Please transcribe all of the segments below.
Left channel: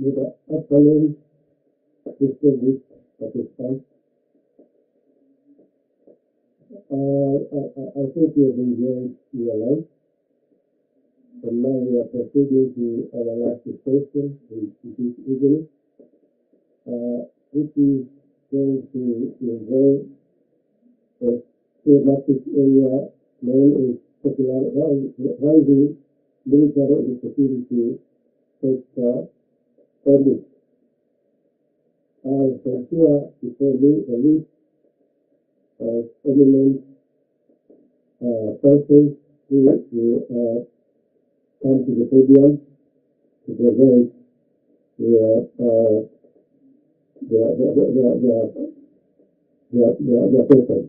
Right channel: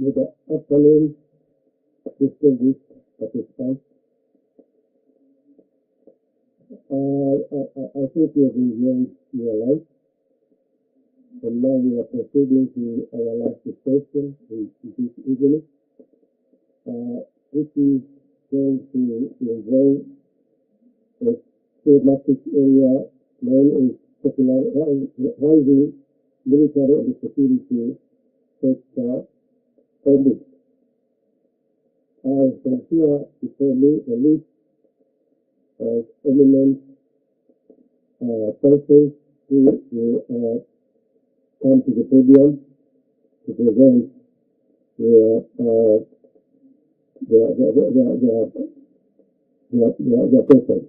with the upcoming fiscal week at this time. I think we'll be going to your life. But now we are proceeding to our last discussion in this evening, which is going to involve the thematic area known as popularizing military and security service. I have here before me the list of eminent persons who will come to the podium to present their papers.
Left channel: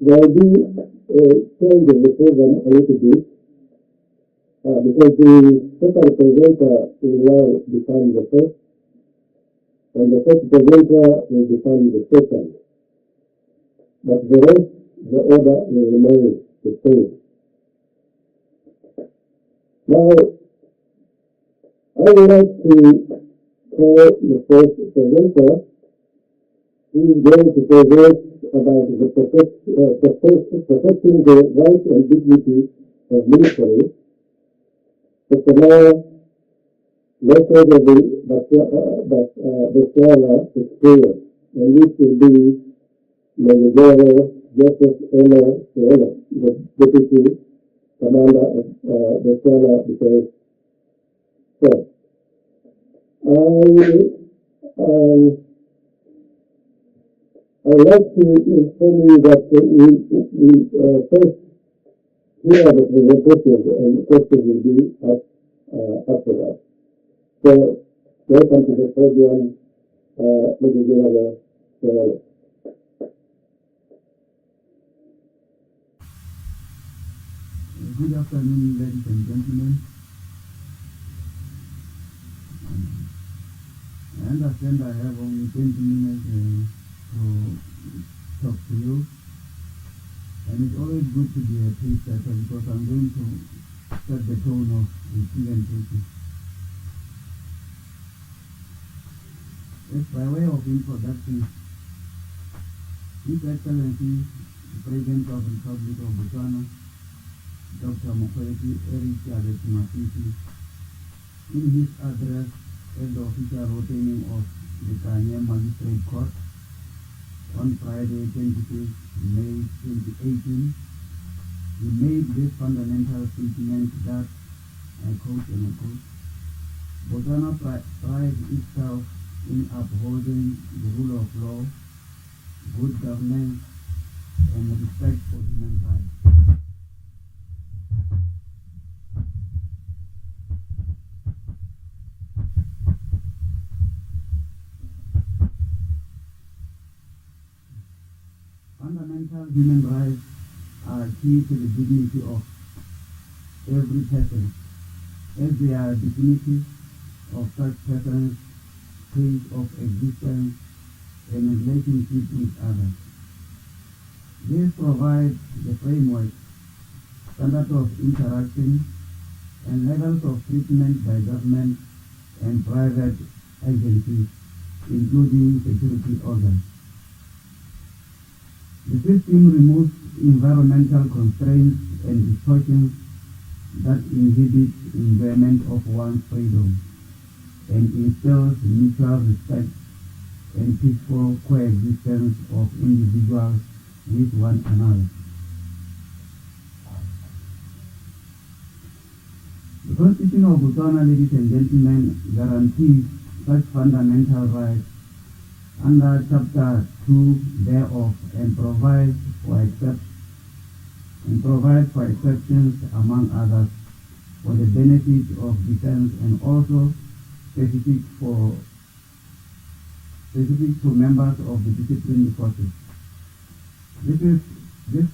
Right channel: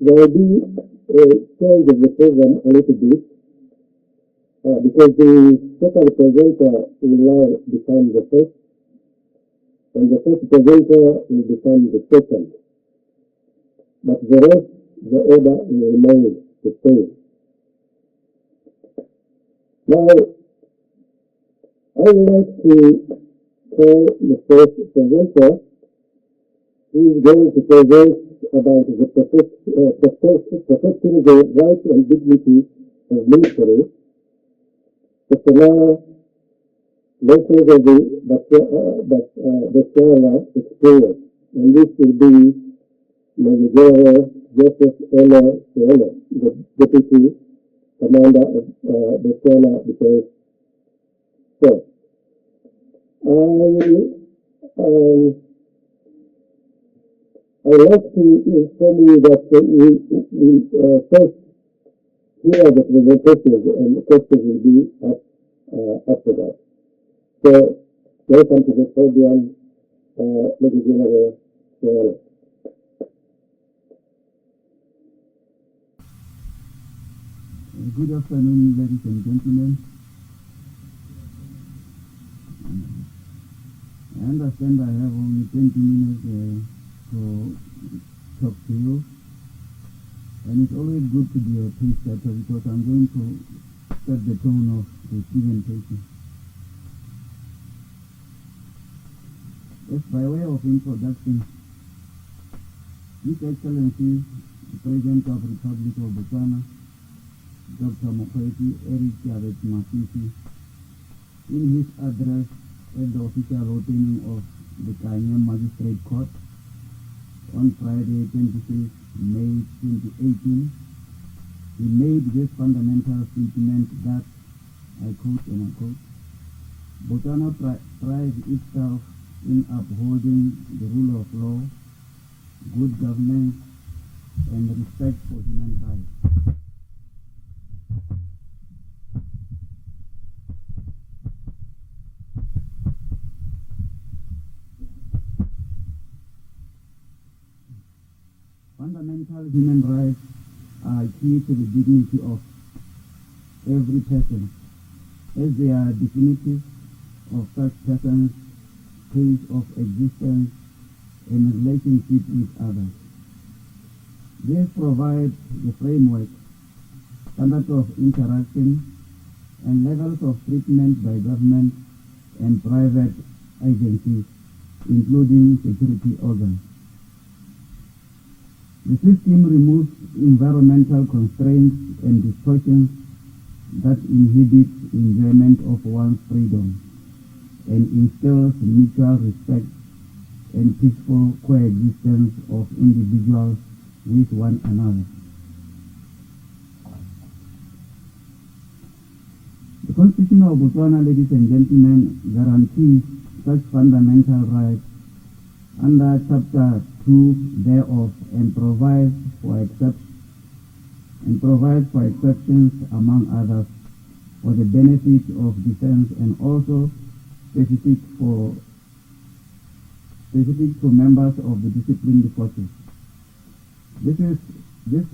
The idea change of the program a little bit because the second presenter will now become the first, and the first presenter will become the second. But the rest, the order will remain the same. Now, I would like to call the first presenter, who is going to present about the protecting the rights and dignity of military. But now, let's go to the Botswana experience, and this will be the General Joseph Eno, the Deputy Commander of Botswana Defense Force. I would like to inform you that we first hear the presentation and the questions will be after that. So, welcome to the podium, Mr. General. Good afternoon, ladies and gentlemen. I understand I have only 20 minutes to talk to you, and it's always good to be a pace setter because I'm going to set the tone of the presentation. Just by way of introduction, His Excellency, the President of the Republic of Botswana, Dr. Mokwetsi Eric Jared Masisi, in his address at the official opening of the Kanye Magistrate Court on Friday, 26 May 2018, he made this fundamental statement that, I quote and unquote, Botswana prides itself in upholding the rule of law, good governance, and respect for human rights. Fundamental human rights are key to the dignity of every person, as they are definitive of such persons' stage of existence and relationship with others. This provides the framework, standards of interaction, and levels of treatment by government and private agencies, including security organs. The system removes environmental constraints and distortions that inhibit enjoyment of one's freedom and instills mutual respect and peaceful coexistence of individuals with one another. The Constitution of Botswana, ladies and gentlemen, guarantees such fundamental rights under Chapter 2 thereof and provides for exceptions, among others, for the benefit of defense and also specific for members of the disciplined forces. This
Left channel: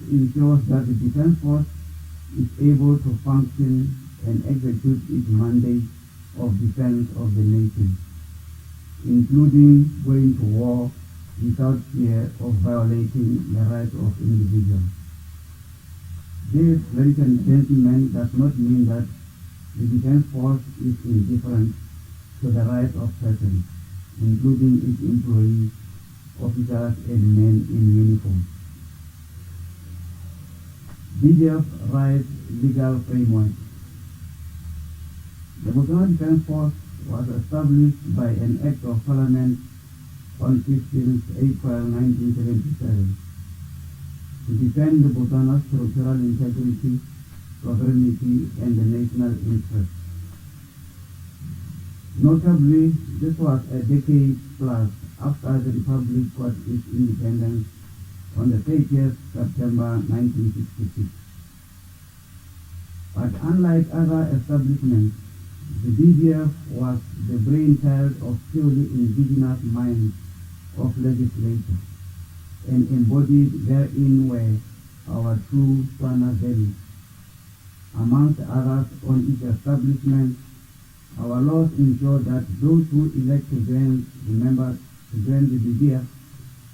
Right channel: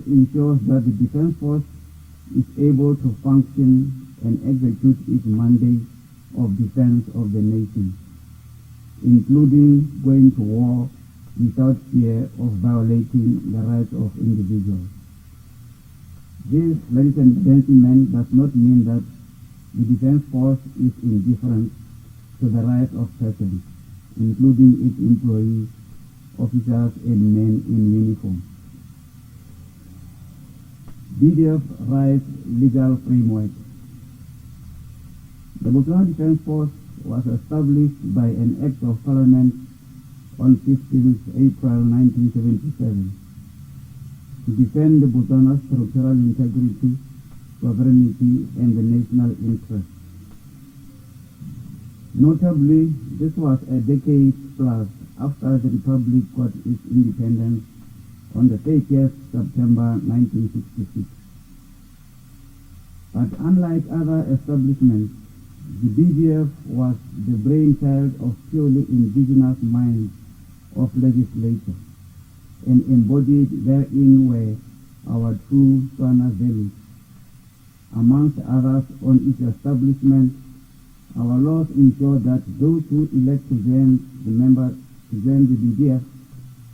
ensures that the defense force is able to function and execute its mandate of defense of the nation, including going to war without fear of violating the rights of individuals. This, ladies and gentlemen, does not mean that the defense force is indifferent to the rights of persons, including its employees, officers, and men in uniform. BDF rights legal framework. The Botswana Defense Force was established by an Act of Parliament on 15 April 1977 to defend the Botswana's territorial integrity, sovereignty, and the national interest. Notably, this was a decade plus after the Republic got its independence on the 30th September 1966. But unlike other establishments, the BDF was the brainchild of purely indigenous minds of legislature, and embodied therein were our true Tswana values. Amongst others, on its establishment, our laws ensure that those who elect to join the BDF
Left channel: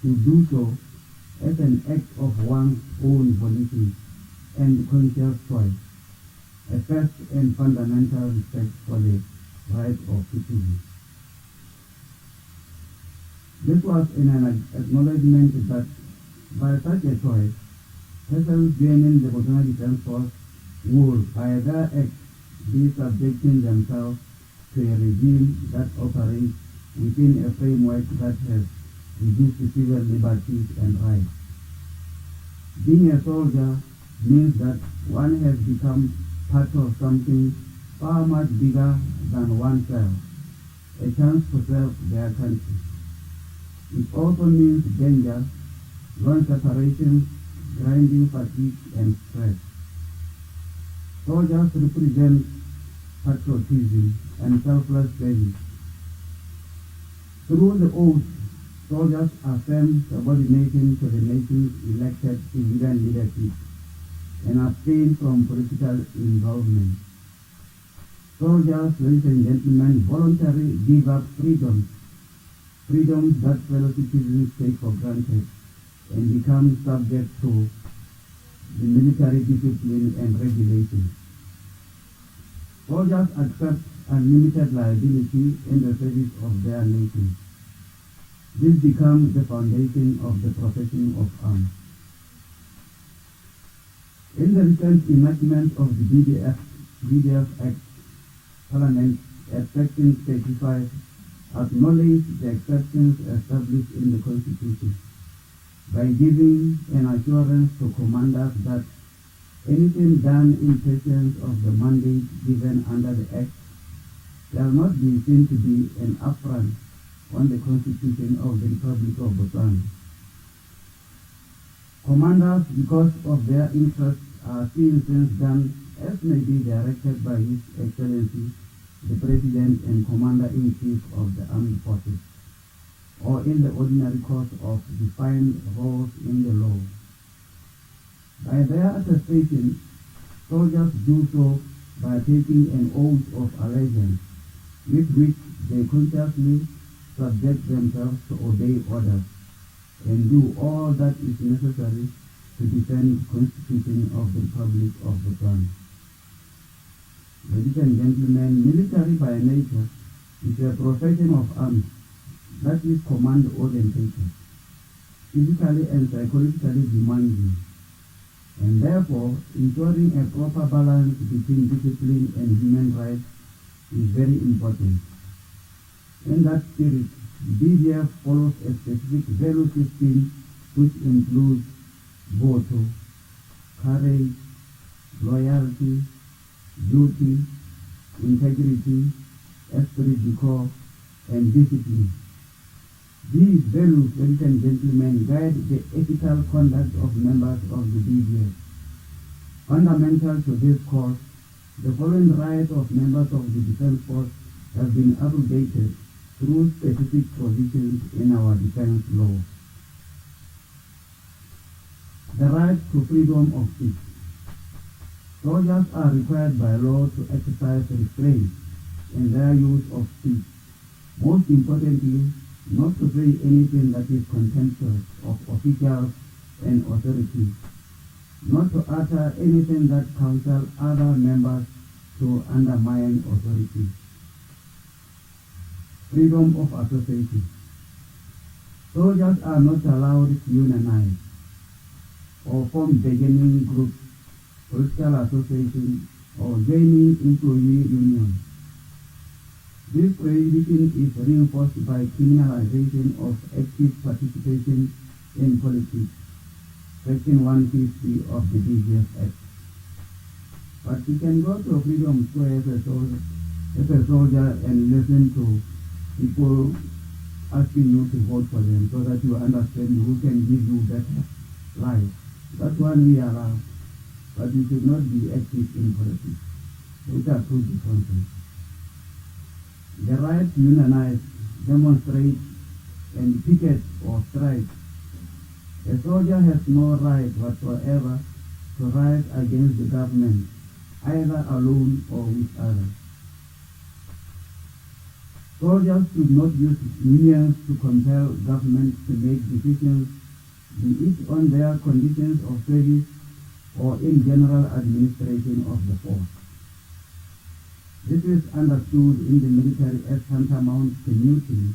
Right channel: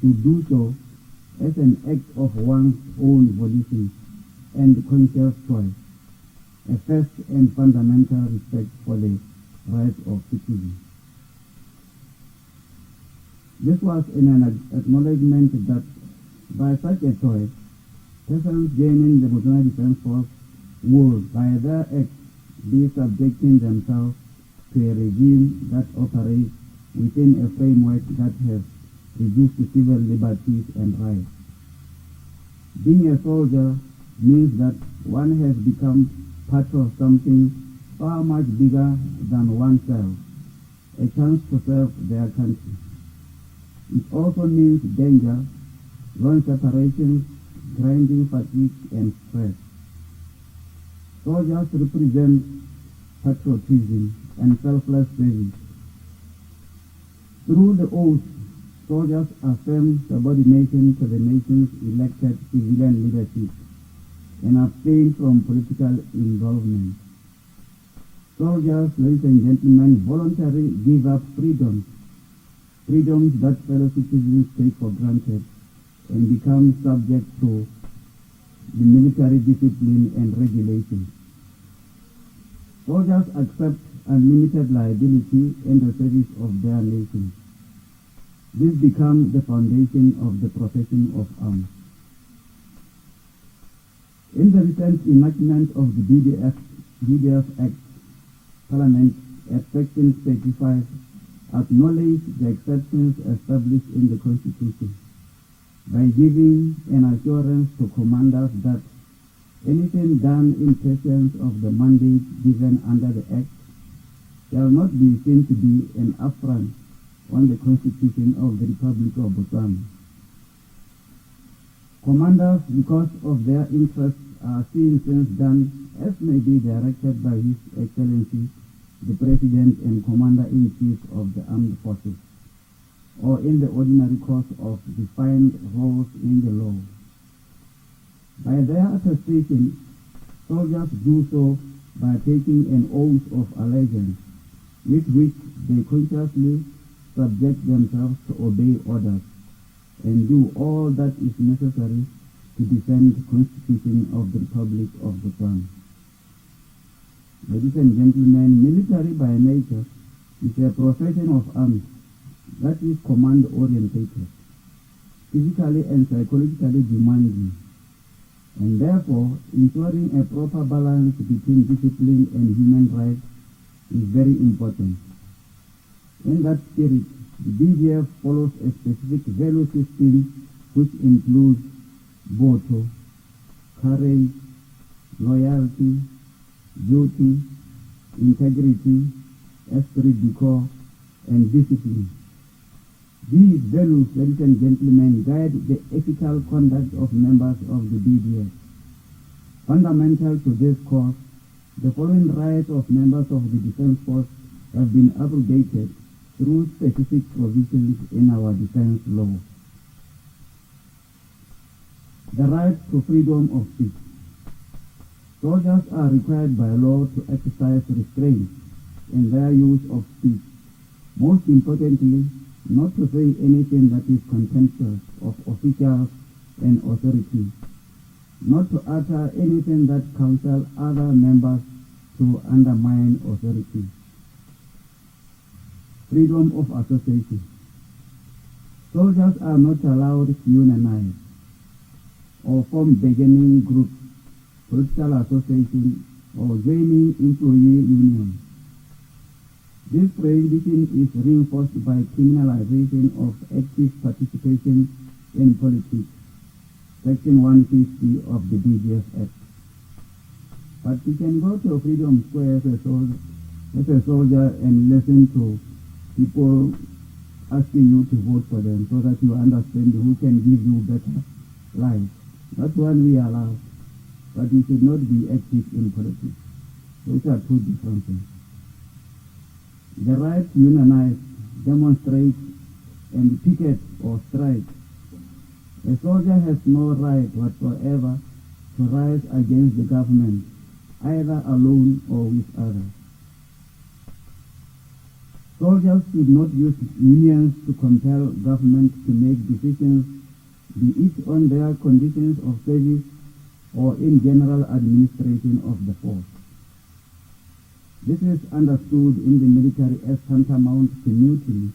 should do so as an act of one's own volition and conscious choice, a first and fundamental respect for the rights of citizens. This was in an acknowledgement that by such a choice, persons joining the Botswana Defense Force would, by their act, be subjecting themselves to a regime that operates within a framework that has reduced civil liberties and rights. Being a soldier means that one has become part of something far much bigger than oneself, a chance to serve their country. It also means danger, long separations, grinding fatigue, and stress. Soldiers represent patriotism and selfless service. Through the oath, soldiers affirm subordination to the nation's elected civilian leadership and abstain from political involvement. Soldiers, ladies and gentlemen, voluntarily give up freedoms that fellow citizens take for granted, and become subject to the military discipline and regulation. Soldiers accept unlimited liability in the service of their nation. This becomes the foundation of the profession of arms. In the recent enactment of the BDF Act, Parliament at Section 35 acknowledged the exceptions established in the Constitution by giving an assurance to commanders that anything done in pursuance of the mandate given under the Act shall not be seen to be an affront on the Constitution of the Republic of Botswana. Commanders, because of their interests, are seen things done as may be directed by His Excellency, the President and Commander-in-Chief of the Armed Forces, or in the ordinary course of defined roles in the law. By their attestation, soldiers do so by taking an oath of allegiance, with which they consciously subject themselves to obey orders and do all that is necessary to defend the Constitution of the Republic of Botswana. Ladies and gentlemen, military by nature is a profession of arms that is command-oriented, physically and psychologically demanding, and therefore ensuring a proper balance between discipline and human rights is very important. In that spirit, the BDF follows a specific value system which includes boto, courage, loyalty, duty, integrity, esprit de corps, and discipline. These values, ladies and gentlemen, guide the ethical conduct of members of the BDF. Fundamental to this cause, the following rights of members of the Defense Force have been abrogated through specific provisions in our defense law. The right to freedom of speech. Soldiers are required by law to exercise restraint in their use of speech. Most importantly, not to say anything that is contemptuous of officials and authorities, not to utter anything that counsel other members to undermine authority. Freedom of association. Soldiers are not allowed to unionize or form bargaining groups, political associations, or joining employee unions. This prohibition is reinforced by criminalization of active participation in politics, Section 150 of the BGF Act. But you can go to a freedom square as a soldier and listen to people asking you to vote for them so that you understand who can give you better life. That's what we allow. But you should not be active in politics. Those are two different things. The right to unionize, demonstrate, and picket or strike. A soldier has no right whatsoever to rise against the government, either alone or with others. Soldiers should not use unions to compel government to make decisions, be it on their conditions of service or in general administration of the force. This is understood in the military as tantamount to mutiny,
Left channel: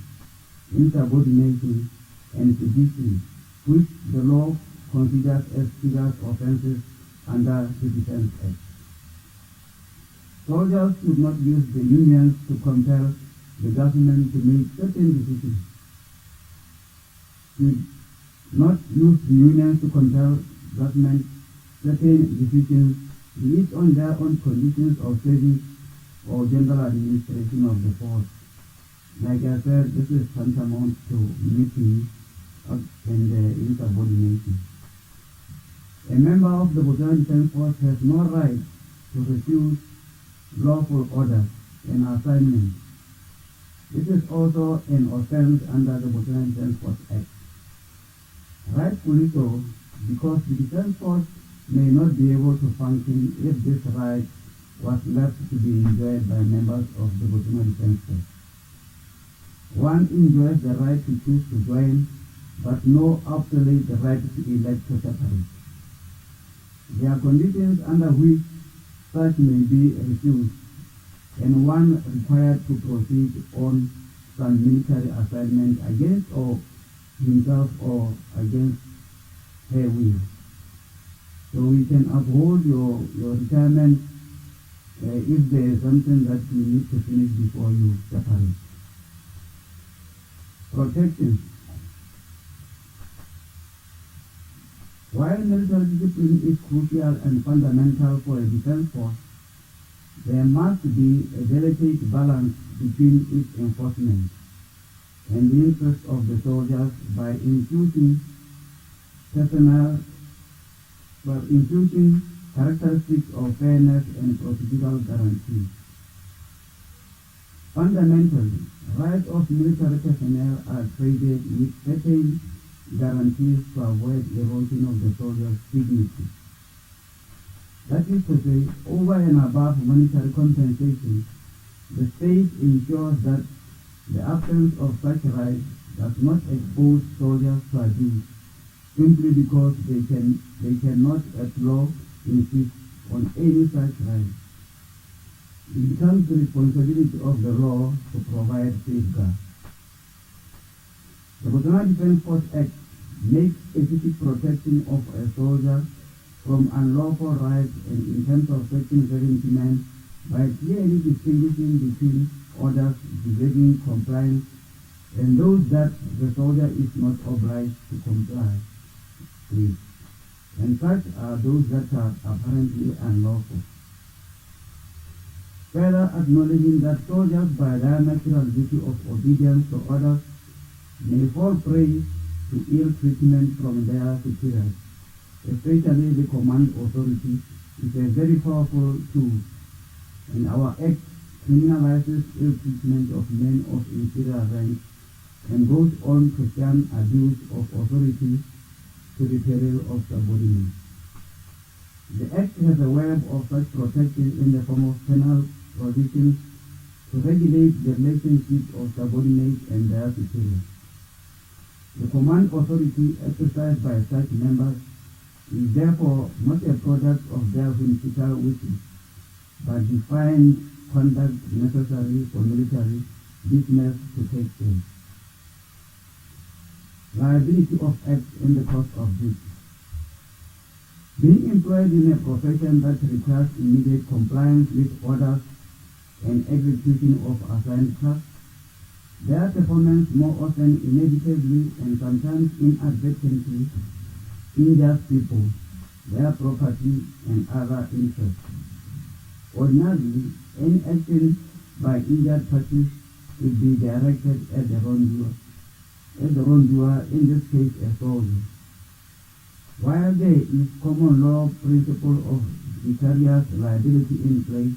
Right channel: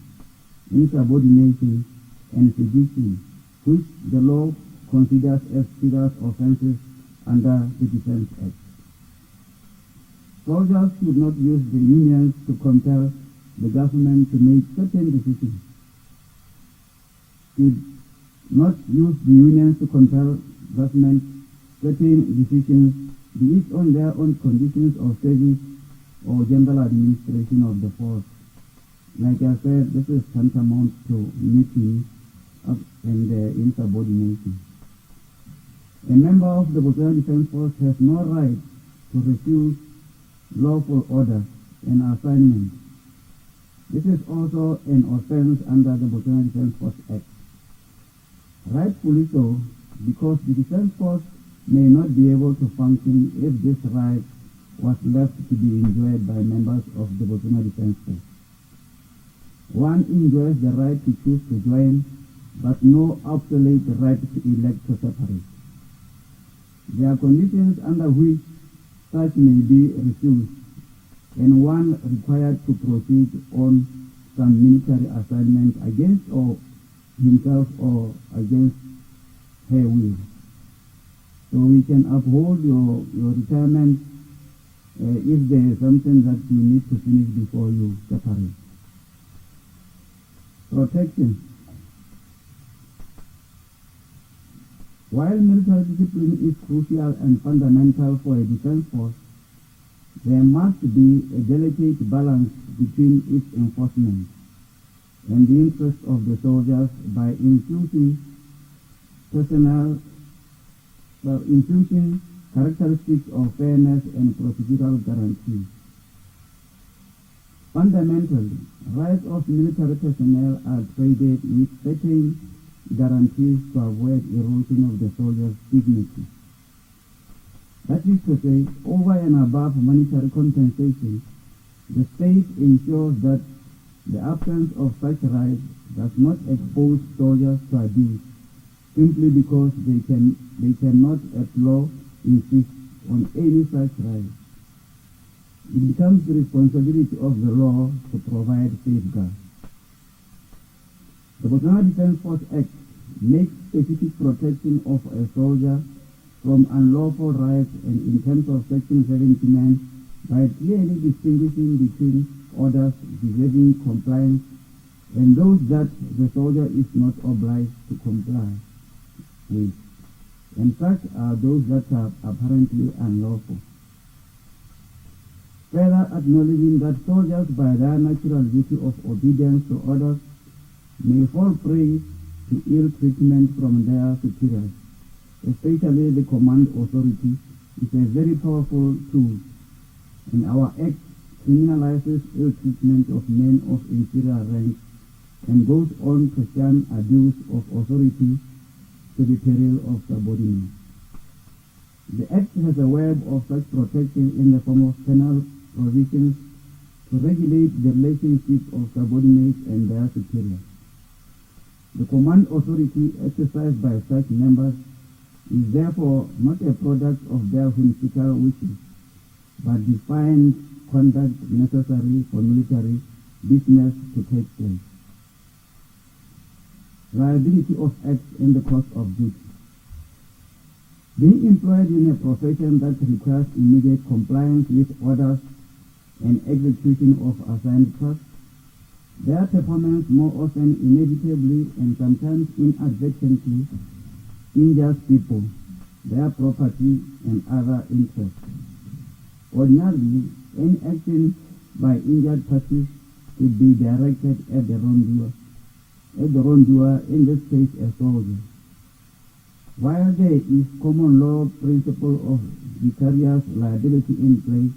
insubordination, and sedition, which the law considers as serious offenses under the Defense Act. Soldiers should not use the unions to compel the government to make certain decisions. Should not use the unions to compel government certain decisions, be it on their own conditions of service or general administration of the force. Like I said, this is tantamount to mutiny and insubordination. A member of the Botswana Defense Force has no right to refuse lawful orders and assignments. This is also an offense under the Botswana Defense Force Act. Rightfully so, because the Defense Force may not be able to function if this right was left to be enjoyed by members of the Botswana Defense Force. One enjoys the right to choose to join, but no absolute right to elect to separate. There are conditions under which such may be refused, and one required to proceed on some military assignment against or himself or against her will. So we can uphold your retirement if there is something that you need to finish before you separate. Protection. While military discipline is crucial and fundamental for a defense force, there must be a delicate balance between its enforcement and the interests of the soldiers by infusing characteristics of fairness and procedural guarantees. Fundamentally, rights of military personnel are traded with certain guarantees to avoid erosion of the soldier's dignity. That is to say, over and above monetary compensation, the state ensures that the absence of such rights does not expose soldiers to abuse simply because they cannot at law insist on any such right. It becomes the responsibility of the law to provide safeguards. The Botswana Defense Force Act makes specific protection of a soldier from unlawful rights and in terms of Section 79 by clearly distinguishing between orders deserving compliance and those that the soldier is not obliged to comply with, and such are those that are apparently unlawful. Further acknowledging that soldiers by their natural duty of obedience to orders may fall prey to ill treatment from their superiors, especially the command authority, is a very powerful tool, and our Act criminalizes ill treatment of men of inferior rank and goes on to shun abuse of authority to the peril of subordinates. The Act has a web of such protection in the form of penal provisions to regulate the relationship of subordinates and their superiors. The command authority exercised by such members is therefore not a product of their whimsical wishes, but define conduct necessary for military business to take place. Liability of acts in the course of this. Being employed in a profession that requires immediate compliance with orders and execution of assigned tasks, their performance more often inevitably and sometimes inadvertently injures people, their property, and other interests. Ordinarily, any action by injured parties should be directed at the wrongdoer, in this case a soldier. While there is common law principle of vicarious liability in place,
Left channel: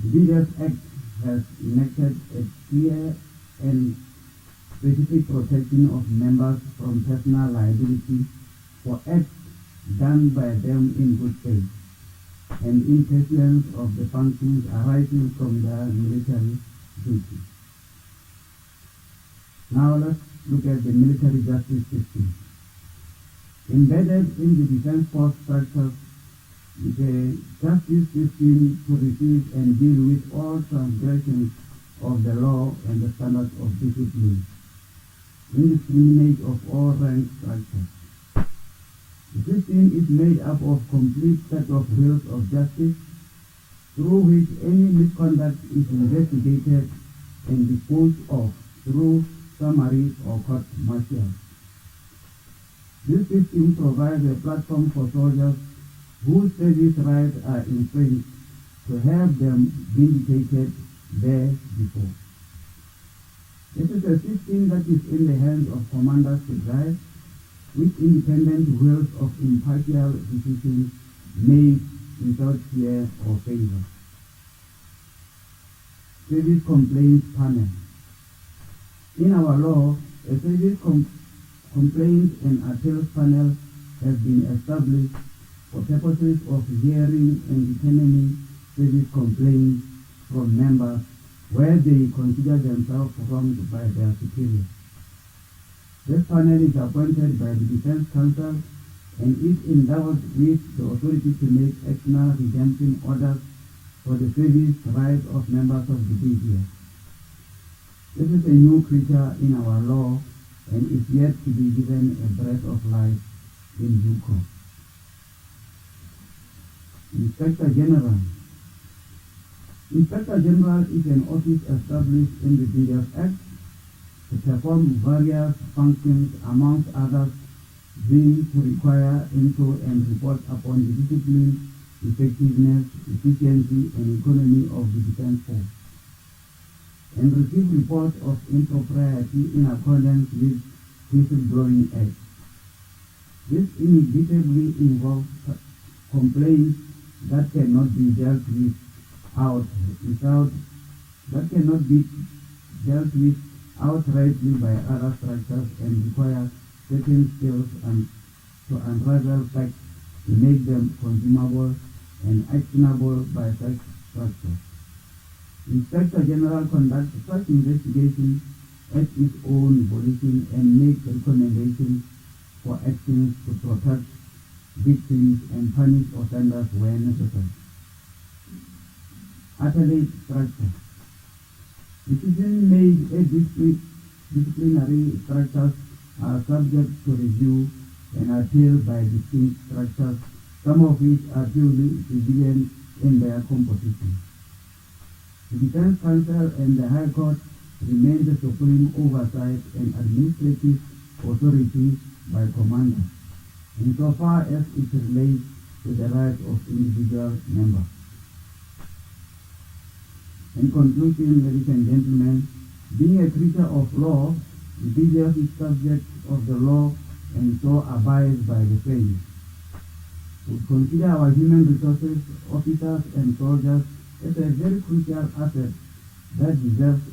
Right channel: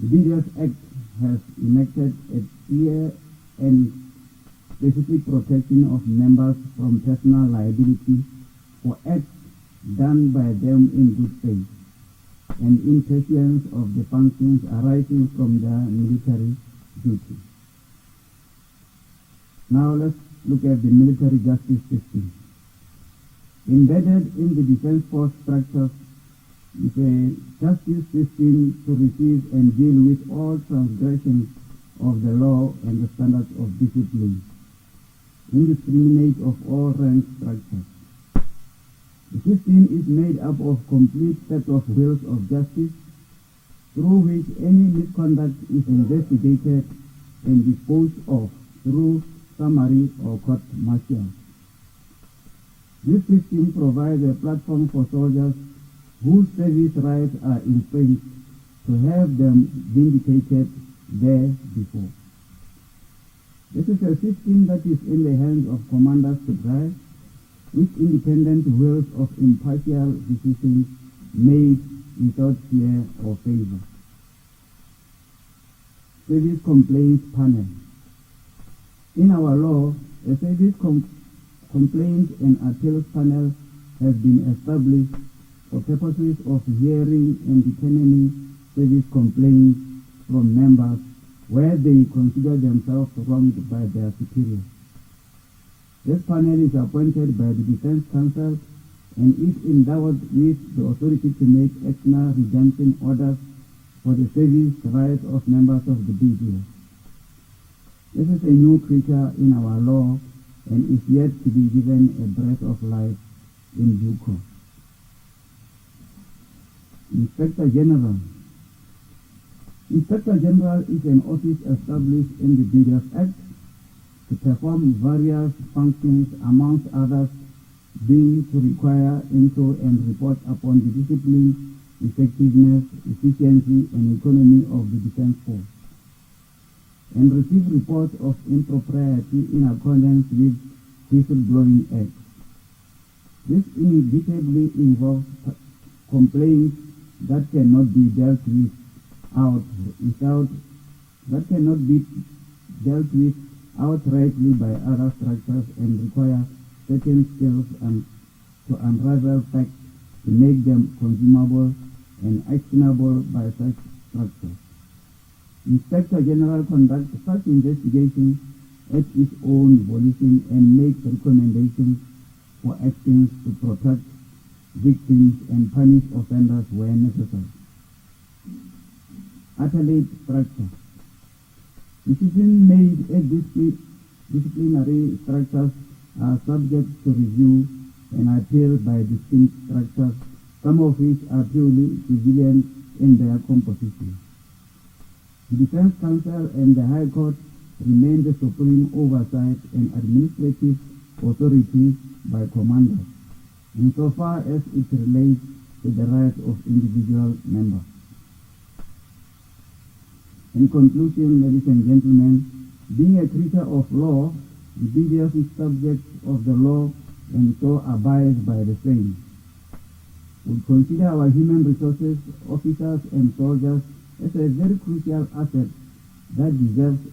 the BDF Act has enacted a clear and specific protection of members from personal liability for acts done by them in good faith and in pursuance of the functions arising from their military duty. Now let's look at the military justice system. Embedded in the defense force structures is a justice system to receive and deal with all transgressions of the law and the standards of discipline, indiscriminate of all rank structures. The system is made up of complete set of rules of justice through which any misconduct is investigated and disposed of through summary or court martial. This system provides a platform for soldiers whose service rights are infringed to have them vindicated there before. This is a system that is in the hands of commanders to guide, with independent wills of impartial decisions made without fear or favor. Service Complaints Panel. In our law, a service complaint and appeals panel has been established for purposes of hearing and determining service complaints from members where they consider themselves wronged by their superiors. This panel is appointed by the Defense Council and is endowed with the authority to make external redemption orders for the service rights of members of the BDF. This is a new creature in our law and is yet to be given a breath of life in due course. Inspector General. Inspector General is an office established in the BDF Act to perform various functions, amongst others being to require into and report upon the discipline, effectiveness, efficiency, and economy of the defense force, and receive reports of impropriety in accordance with Whistleblowing Act. This inevitably involves complaints that cannot be dealt with outrightly by other structures and require certain skills and to unravel facts to make them consumable and actionable by such structures. Inspector General conducts such investigations at his own volition and makes recommendations for actions to protect victims and punish offenders where necessary. Appellate structure. Decisions made at disciplinary structures are subject to review and appeal by distinct structures, some of which are purely civilian in their composition. The Defense Council and the High Court remain the supreme oversight and administrative authority by commanders, insofar as it relates to the rights of individual members. In conclusion, ladies and gentlemen, being a creature of law, the BDF is subject of the law and so abides by the same. We consider our human resources, officers and soldiers as a very crucial asset that deserves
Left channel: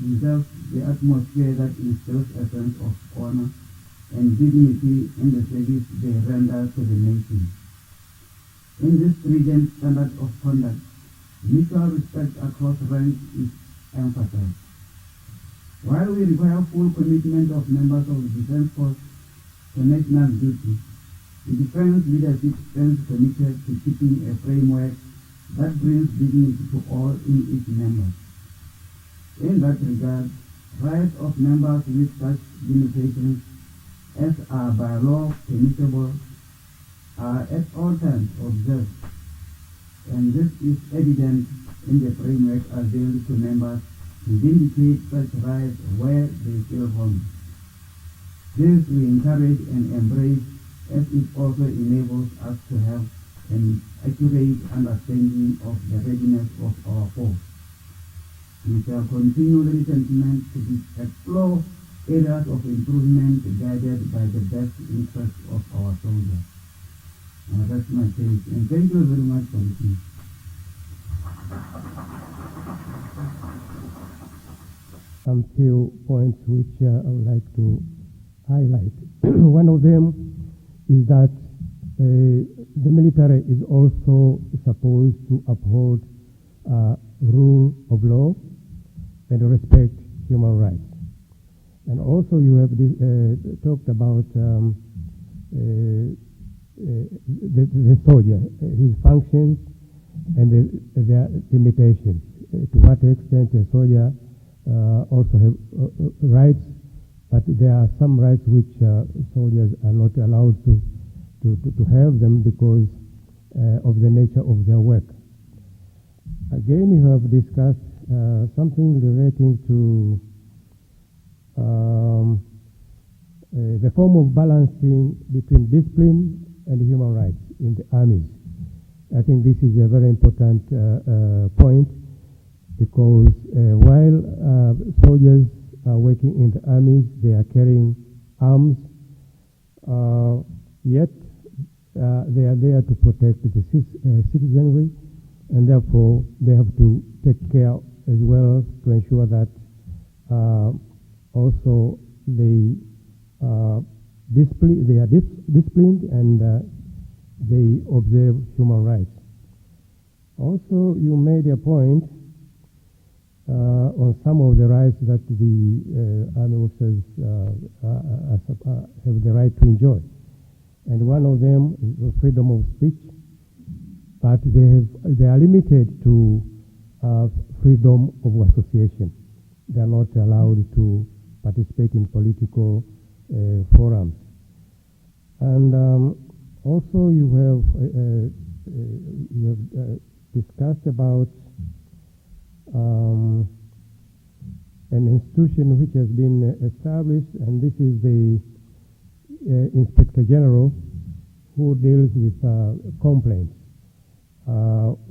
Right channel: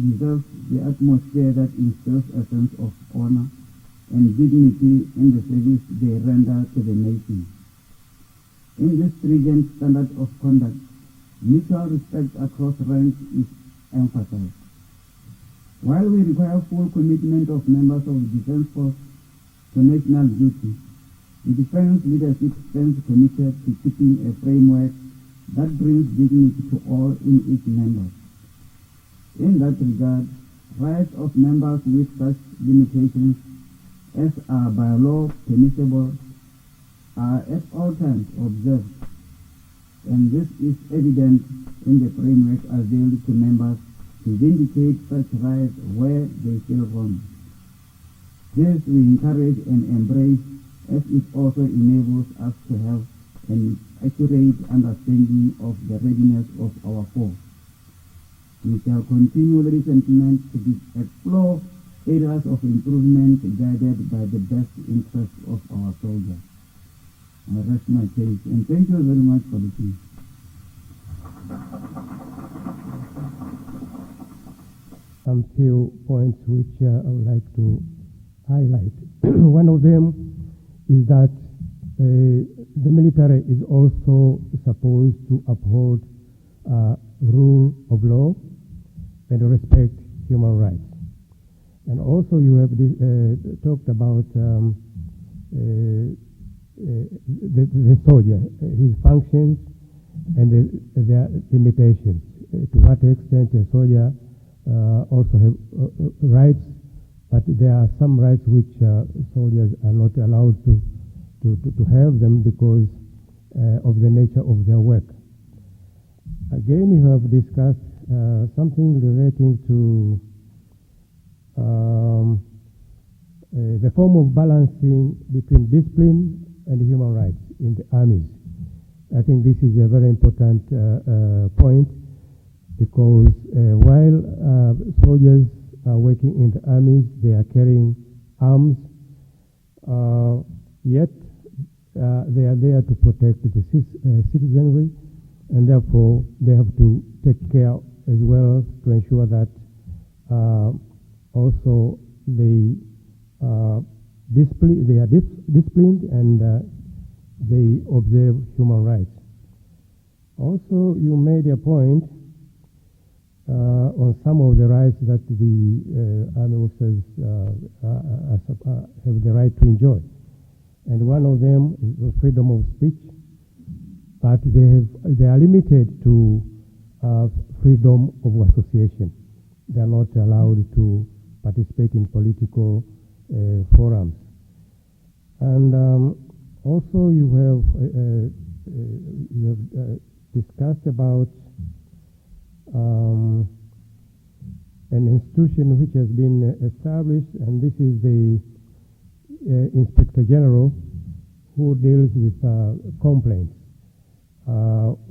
deserves the atmosphere that instills a sense of honor and dignity in the service they render to the nation. In this stringent standard of conduct, mutual respect across ranks is emphasized. While we require full commitment of members of the defense force to national duty, The defense leadership stands committed to keeping a framework that brings dignity to all in its members. In that regard, rights of members with such limitations as are by law permissible are at all times observed, and this is evident in the framework available to members to vindicate such rights where they feel wrong. This we encourage and embrace, as it also enables us to have an accurate understanding of the readiness of our force. We shall continue the sentiment to explore areas of improvement guided by the best interests of our soldiers. I rest my case, and thank you very much for listening. Some few points which I would like to highlight. One of them is that the military is also supposed to uphold rule of law and respect human rights. And also you have talked about the soldier, his functions and their limitations. To what extent a soldier also have rights, but there are some rights which soldiers are not allowed to have them because of the nature of their work. Again, you have discussed something relating to the form of balancing between discipline and human rights in the armies. I think this is a very important point, because while soldiers are working in the armies, they are carrying arms, yet they are there to protect the citizenry, and therefore they have to take care as well to ensure that also they are disciplined and they observe human rights. Also, you made a point on some of the rights that the army officers have the right to enjoy. And one of them is the freedom of speech, but they are limited to freedom of association. They are not allowed to participate in political forums. And also you have discussed about an institution which has been established, and this is the Inspector General, who deals with complaints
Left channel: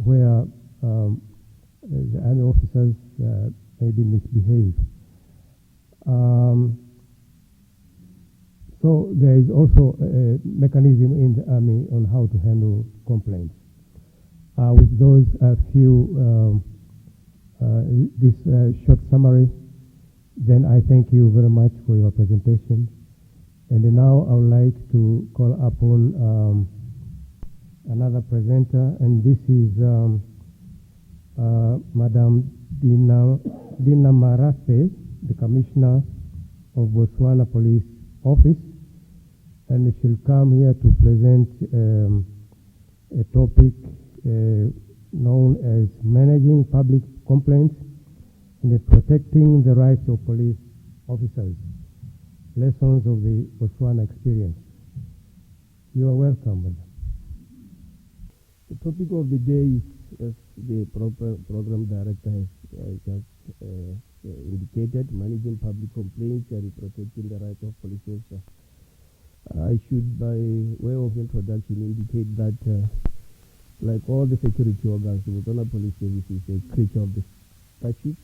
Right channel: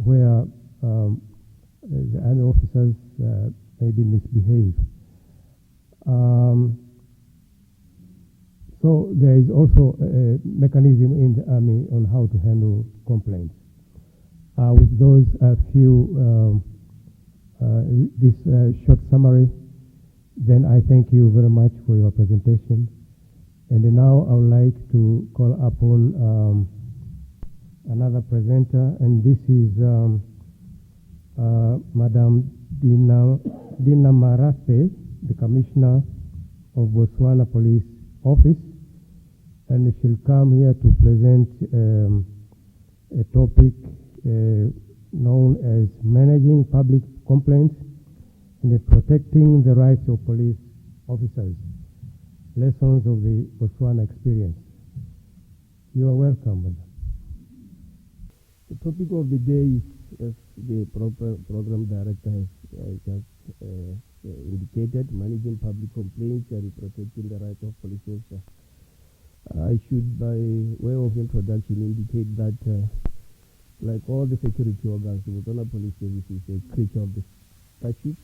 where the army officers maybe misbehave. So there is also a mechanism in the army on how to handle complaints. With those few, this short summary, then I thank you very much for your presentation. And now I would like to call upon another presenter, and this is Madam Dina Marafe, the Commissioner of Botswana Police Office, and she'll come here to present a topic known as managing public complaints and protecting the rights of police officers. Lessons of the Botswana experience. You are welcome, madam. The topic of the day is, as the program director has just indicated, managing public complaints and protecting the rights of police officers. I should, by way of introduction, indicate that, like all the security organs, the Botswana Police Service is a creature of the statute.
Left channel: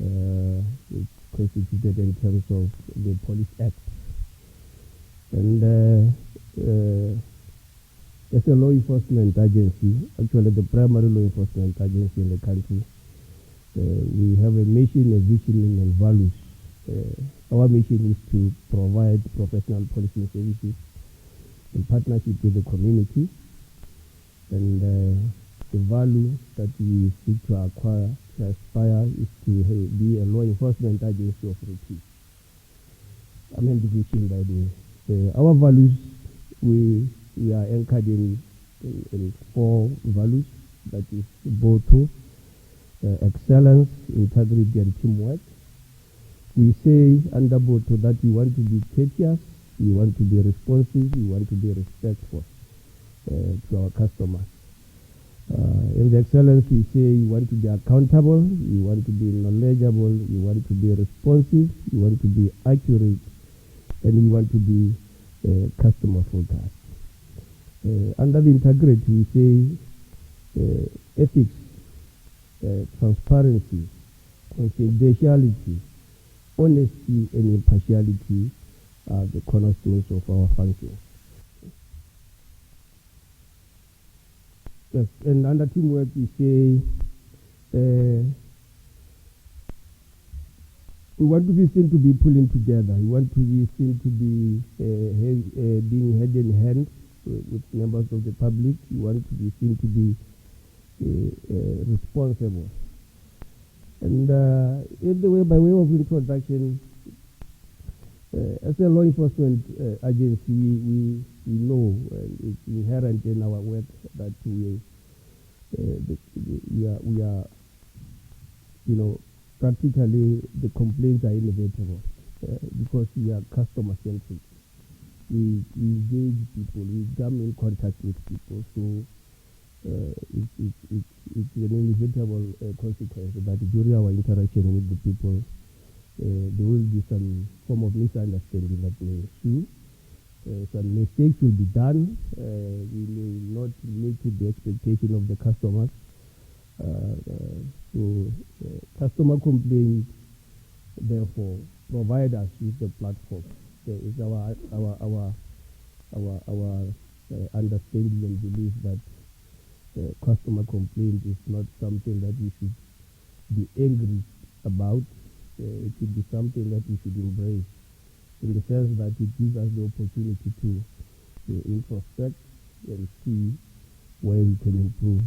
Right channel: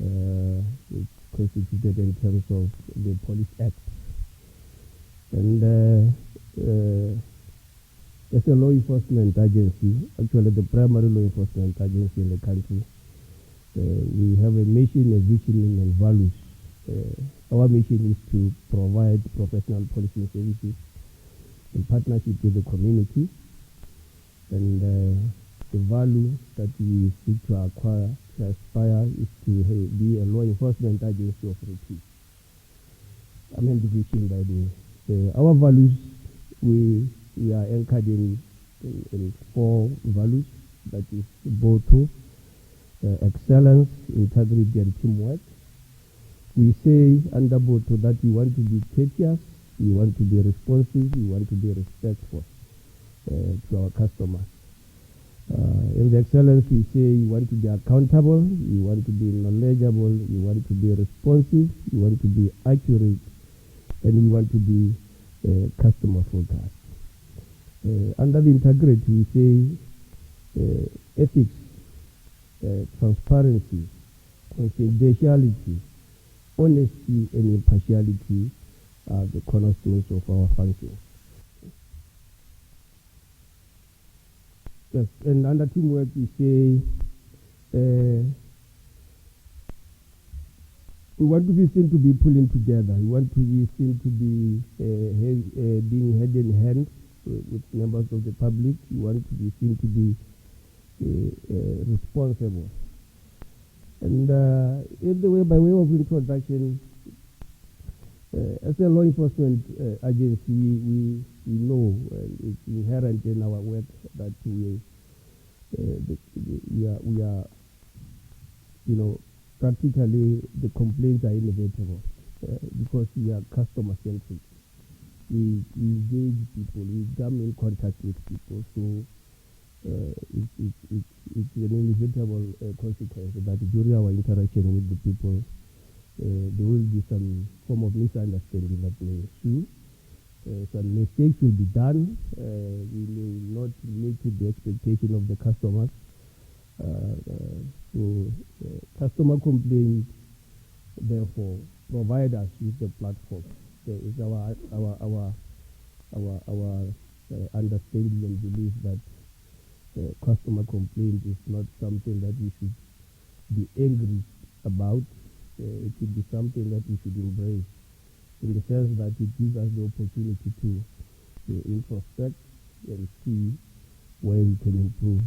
It's constituted in terms of the Police Act. And as a law enforcement agency, actually the primary law enforcement agency in the country, we have a mission, a vision, and values. Our mission is to provide professional policing services in partnership with the community, and the value that we seek to acquire, to aspire, is to be a law enforcement agency of repute. I mean the vision by the our values we are anchored in four values, that is BOTO, excellence, integrity, and teamwork. We say under BOTO that we want to be courteous, we want to be responsive, we want to be respectful to our customers. In the excellence, we say we want to be accountable, we want to be knowledgeable, we want to be responsive, we want to be accurate, and we want to be customer focused. Under the integrity, we say ethics, transparency, confidentiality, honesty, and impartiality are the cornerstones of our function. Yes, and under teamwork, we say we want to be seen to be pulling together. We want to be seen to be being hand in hand with members of the public. We want to be seen to be responsible. And by way of introduction, as a law enforcement agency, we know it's inherent in our work that we are, practically the complaints are inevitable because we are customer centric. We engage people, we come in contact with people, so it's an inevitable consequence that during our interaction with the people, there will be some form of misunderstanding that may ensue. Some mistakes will be done. We may not meet the expectation of the customers. So customer complaints, therefore, provide us with the platform. It's our understanding and belief that customer complaint is not something that we should be angry about. It should be something that we should embrace, in the sense that it gives us the opportunity to introspect and see where we can improve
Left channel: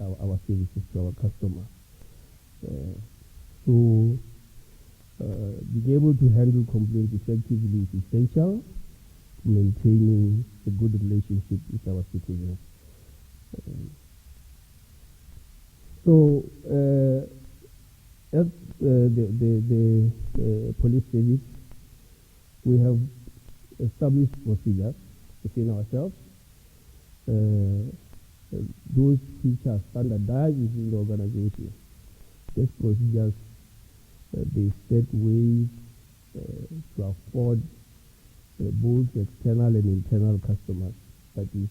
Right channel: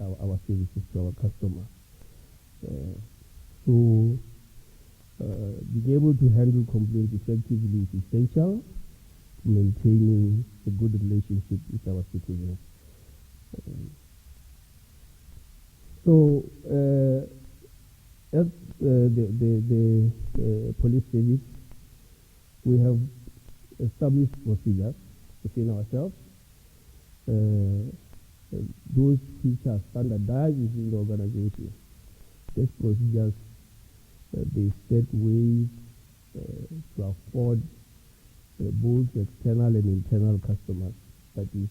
our services to our customers. So being able to handle complaints effectively is essential to maintaining a good relationship with our citizens. So as the police service, we have established procedures within ourselves. Those which are standardized within the organization. These procedures, they set ways to afford both external and internal customers, that is,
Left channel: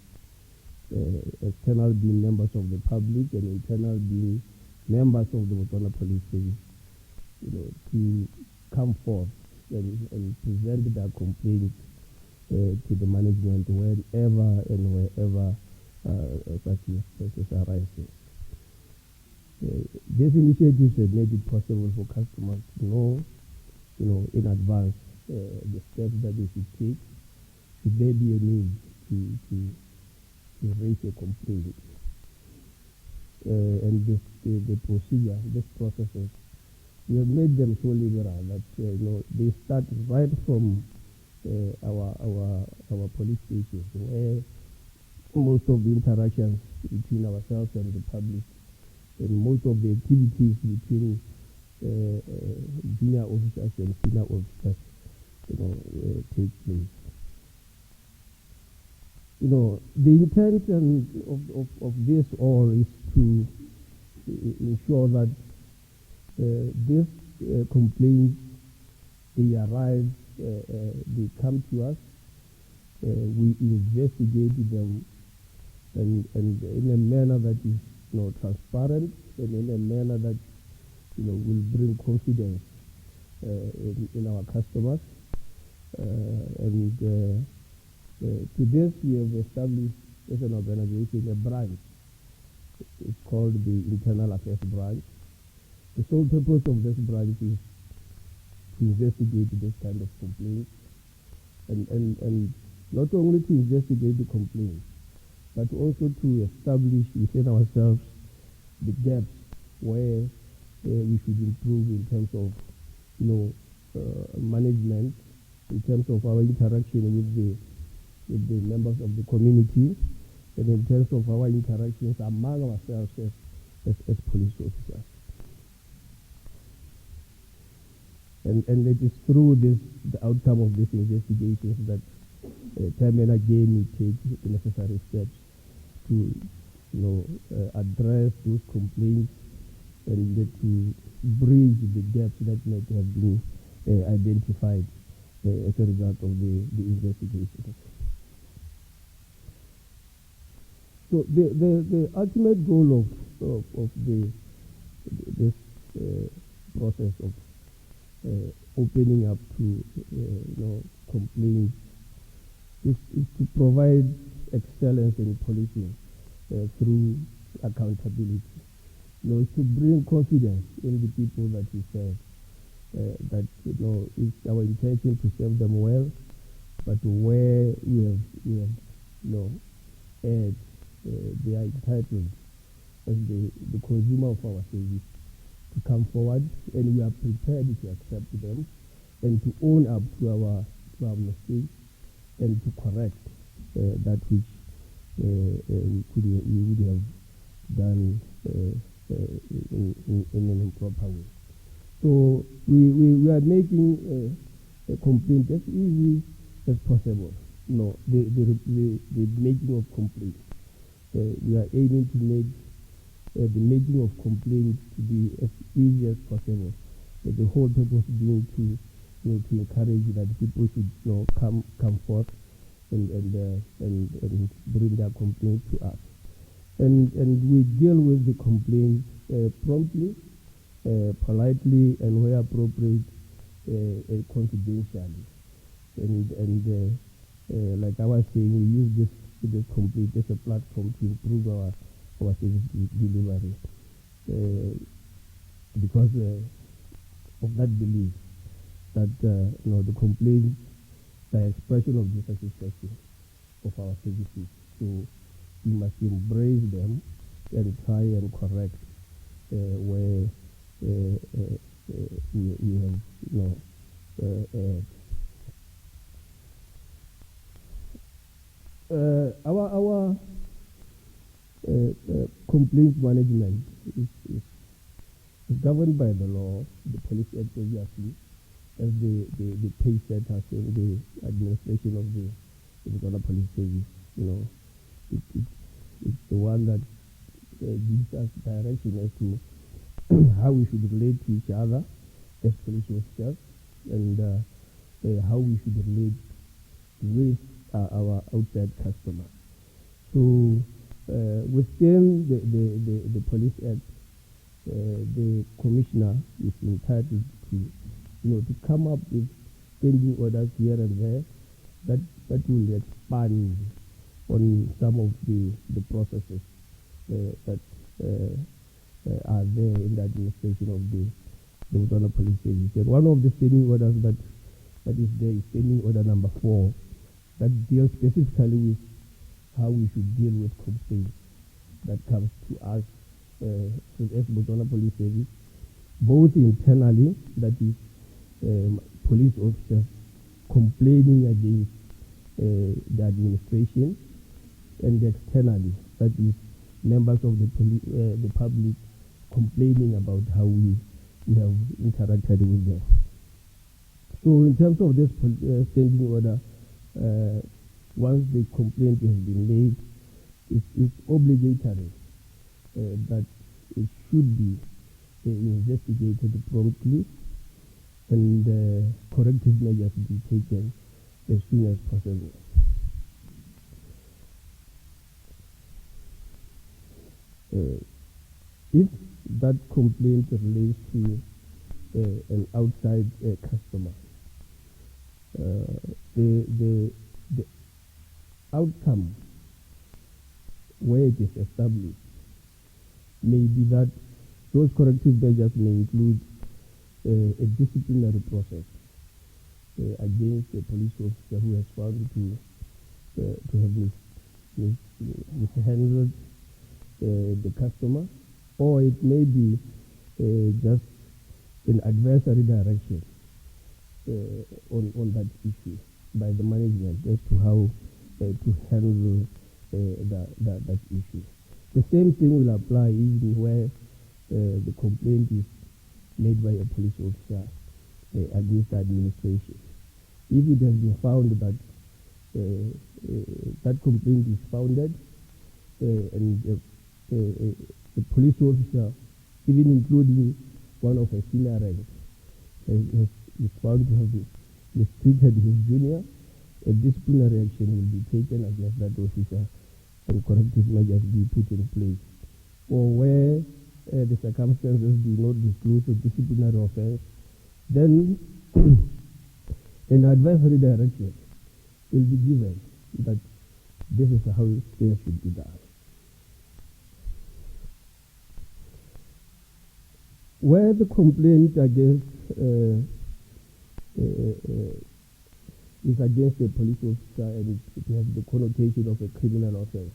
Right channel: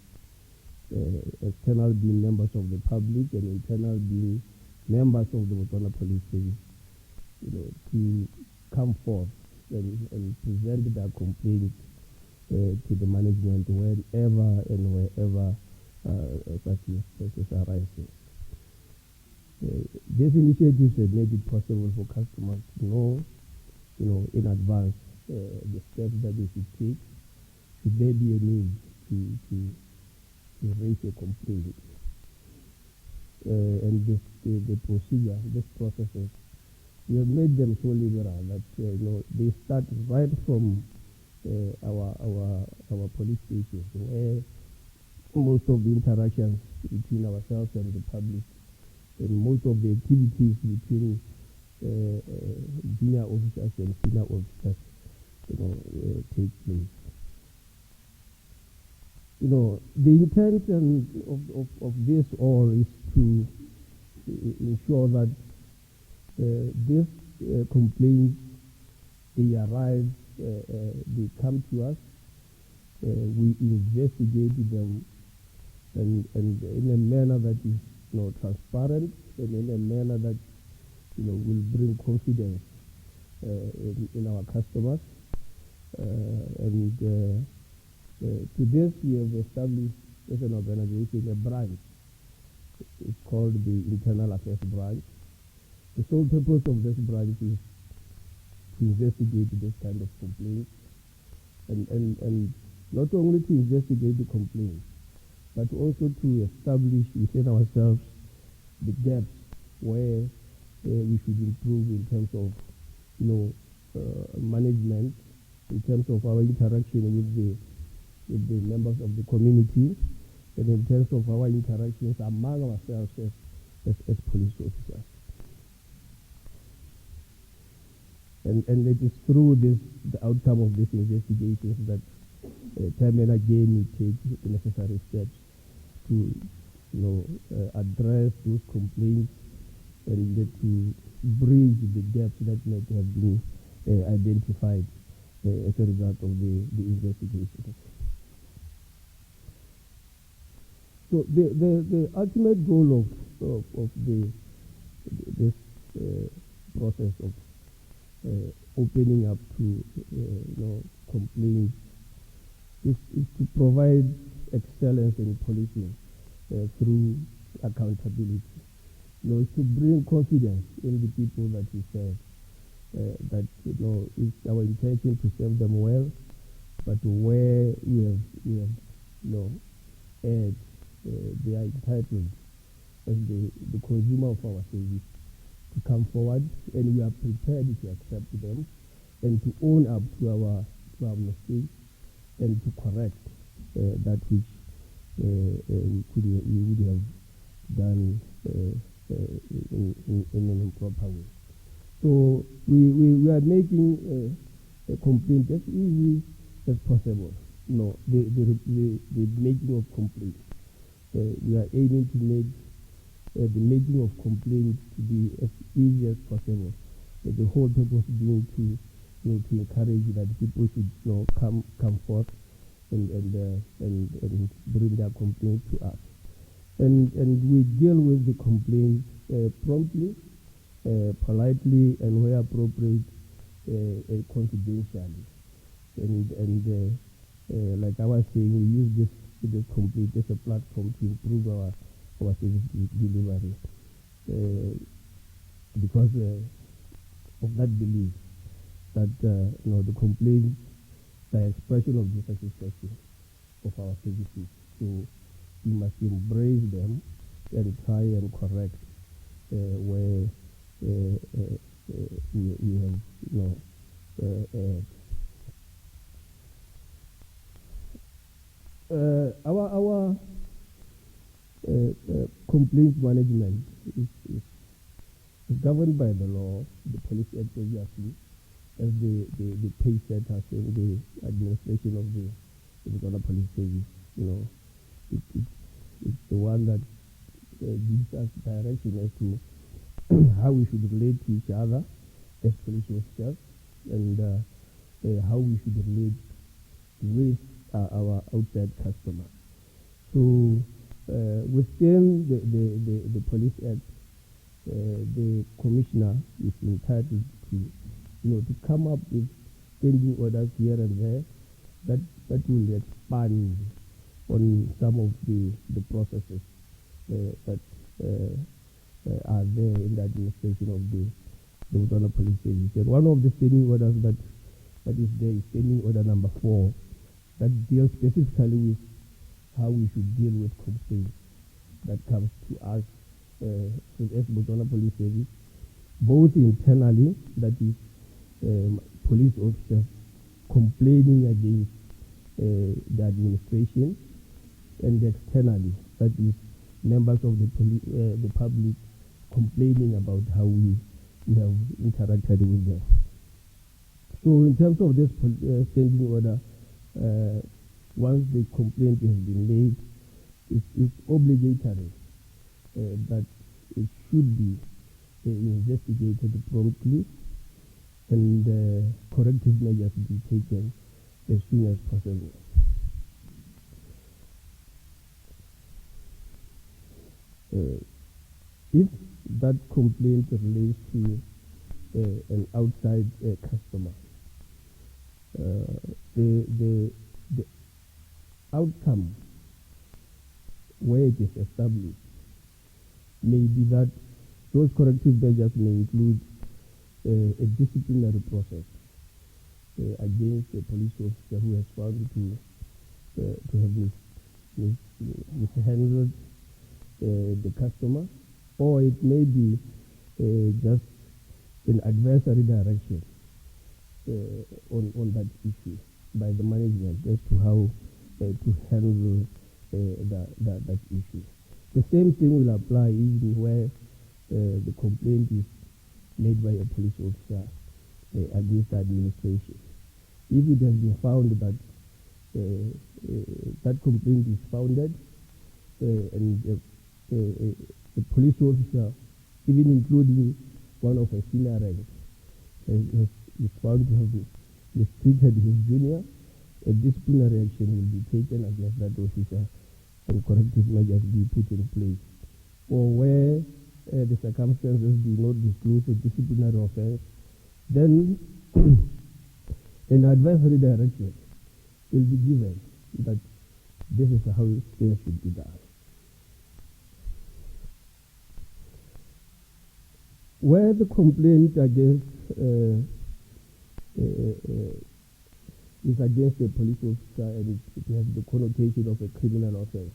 external being members of the public and internal being members of the Botswana Police Service, to come forth and present their complaints to the management whenever and wherever such cases arises. These initiatives have made it possible for customers to know, in advance the steps that they should take should there be a need to raise a complaint. And the procedure, these processes, we have made them so liberal that they start right from our police stations, where most of the interactions between ourselves and the public, and most of the activities between junior officers and senior officers, take place. The intent of this all is to ensure that these complaints, they arrive, they come to us, we investigate them, and in a manner that is transparent, and in a manner that will bring confidence in our customers. To this, we have established as an organization a branch. It's called the Internal Affairs Branch. The sole purpose of this branch is to investigate this kind of complaints, and not only to investigate the complaints, but also to establish within ourselves the gaps where we should improve in terms of management, in terms of our interaction with the the members of the community, and in terms of our interactions among ourselves as police officers. And it is through the outcome of these investigations that time and again we take the necessary steps to address those complaints and to bridge the gaps that might have been identified as a result of the investigations. So the ultimate goal of this process of opening up to complaints is to provide excellence in policing through accountability. Is to bring confidence in the people that we serve. That it's our intention to serve them well, but where we have erred, they are entitled as the consumer of our service to come forward, and we are prepared to accept them and to own up to our mistakes and to correct that which we would have done in an improper way. So we are making a complaint as easy as possible. The making of complaints. We are aiming to make the making of complaints to be as easy as possible. The whole purpose being to encourage that people should come forth and bring their complaints to us. And we deal with the complaints promptly, politely, and where appropriate, confidentially. And like I was saying, we use this complaint as a platform to improve our service delivery because of that belief that the complaints are expression of dissatisfaction of our services. So we must embrace them and try and correct where we have our complaints management is governed by the law, the Police Act, obviously, as the pay setters in the administration of the Botswana Police Service. It's the one that gives us direction as to how we should relate to each other as police officers and how we should relate with our outside customers. So within the Police Act, the commissioner is entitled to come up with standing orders here and there that will expand on some of the processes that are there in the administration of the Botswana Police Service. And one of the standing orders that is there is standing order number 4 that deals specifically with how we should deal with complaints that comes to us as Botswana Police Service, both internally, that is police officers complaining against the administration, and externally, that is members of the public complaining about how we have interacted with them. So in terms of this standing order, once the complaint has been made, it's obligatory that it should be investigated promptly and corrective measures be taken as soon as possible. If that complaint relates to an outside customer, the outcome where it is established may be that those corrective measures may include a disciplinary process against a police officer who has found to have mishandled the customer, or it may be just an adversary direction on that issue by the management as to how to handle that issue. The same thing will apply even where the complaint is made by a police officer against the administration. If it has been found that that complaint is founded and the police officer, even including one of a senior rank, is found to have mistreated his junior, a disciplinary action will be taken against that officer and corrective measures be put in place. Or where the circumstances do not disclose a disciplinary offense, then an advisory direction will be given that this is how things should be done. Where the complaint against is against a police officer and it has the connotation of a criminal offense,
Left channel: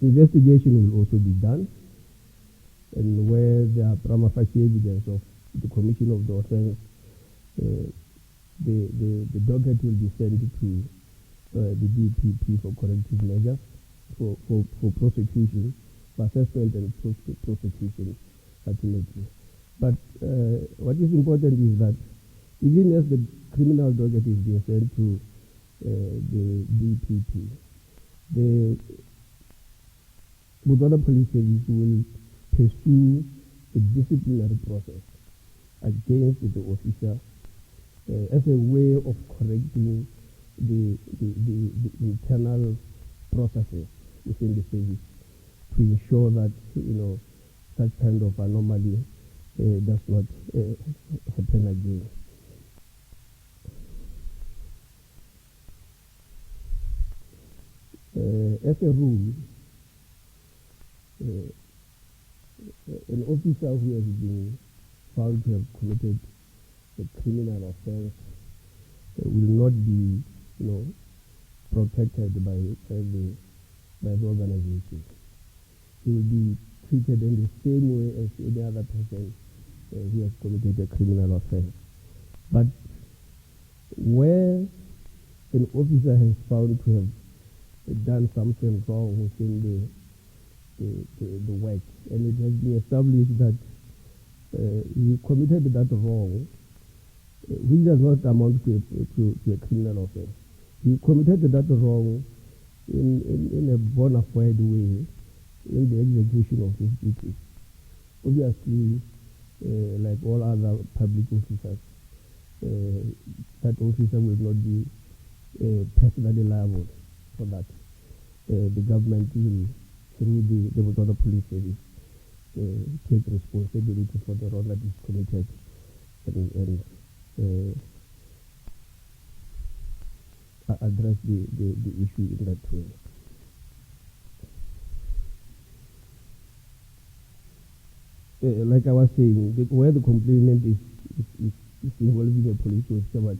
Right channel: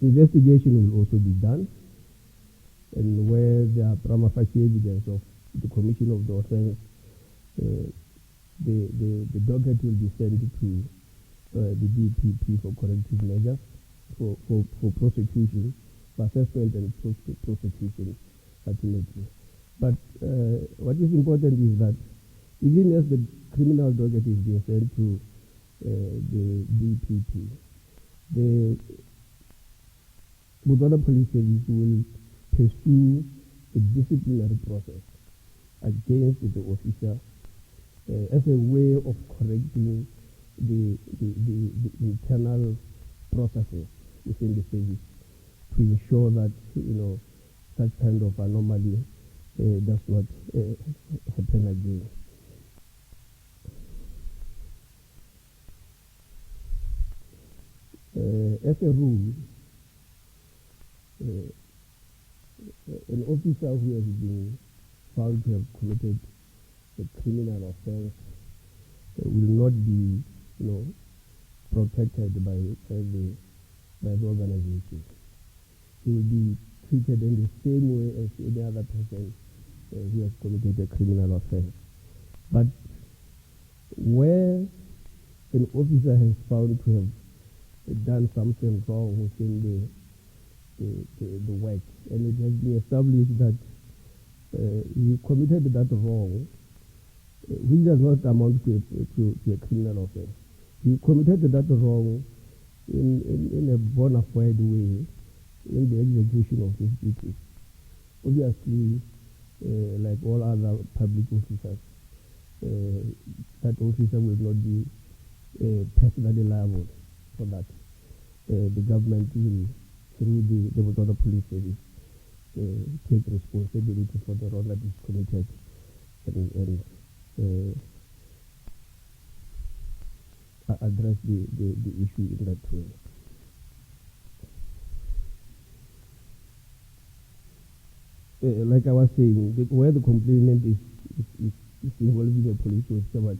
investigation will also be done, and where there are prima facie evidence of the commission of the offense, the docket will be sent to the DPP for corrective measures, for prosecution, for assessment and prosecution ultimately. But what is important is that even as the criminal docket is being sent to the DPP, the Botswana Police Service will pursue a disciplinary process against the officer as a way of correcting the internal processes within the service to ensure that such kind of anomaly does not happen again. As a rule, an officer who has been found to have committed a criminal offense will not be, protected by the organization. He will be treated in the same way as any other person who has committed a criminal offense. But where an officer has found to have done something wrong within the work, and it has been established that he committed that wrong, which does not amount to a criminal offense. He committed that wrong in a bona fide way in the execution of his duties. Obviously, like all other public officers, that officer will not be personally liable for that. The government will, through the Botswana Police Service, take responsibility for the wrong that is committed and address the issue in that way. Like I was saying, where the complainant is involving a police officer, but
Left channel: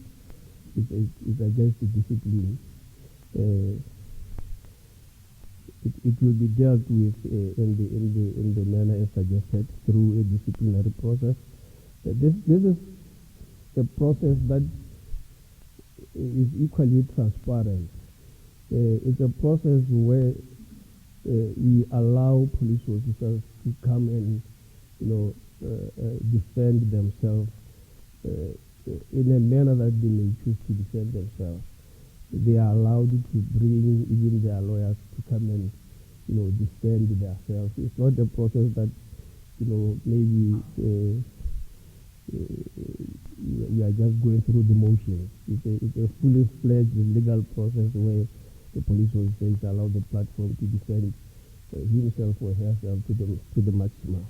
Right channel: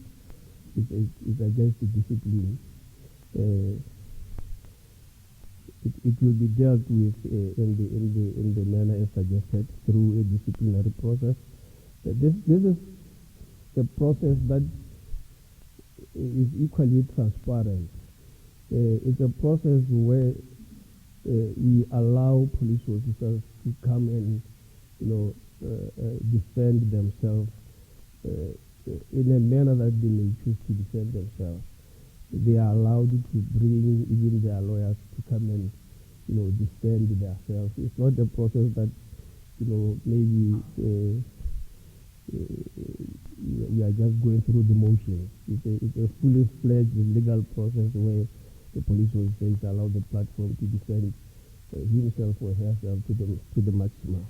it's against the discipline, it will be dealt with in the manner as suggested through a disciplinary process. This is a process that is equally transparent. It's a process where we allow police officers to come and defend themselves in a manner that they may choose to defend themselves. They are allowed to bring even their lawyers to come and defend themselves. It's not a process that maybe we are just going through the motions. It's a fully fledged legal process where the police officer is allowed the platform to defend himself or herself to the maximum.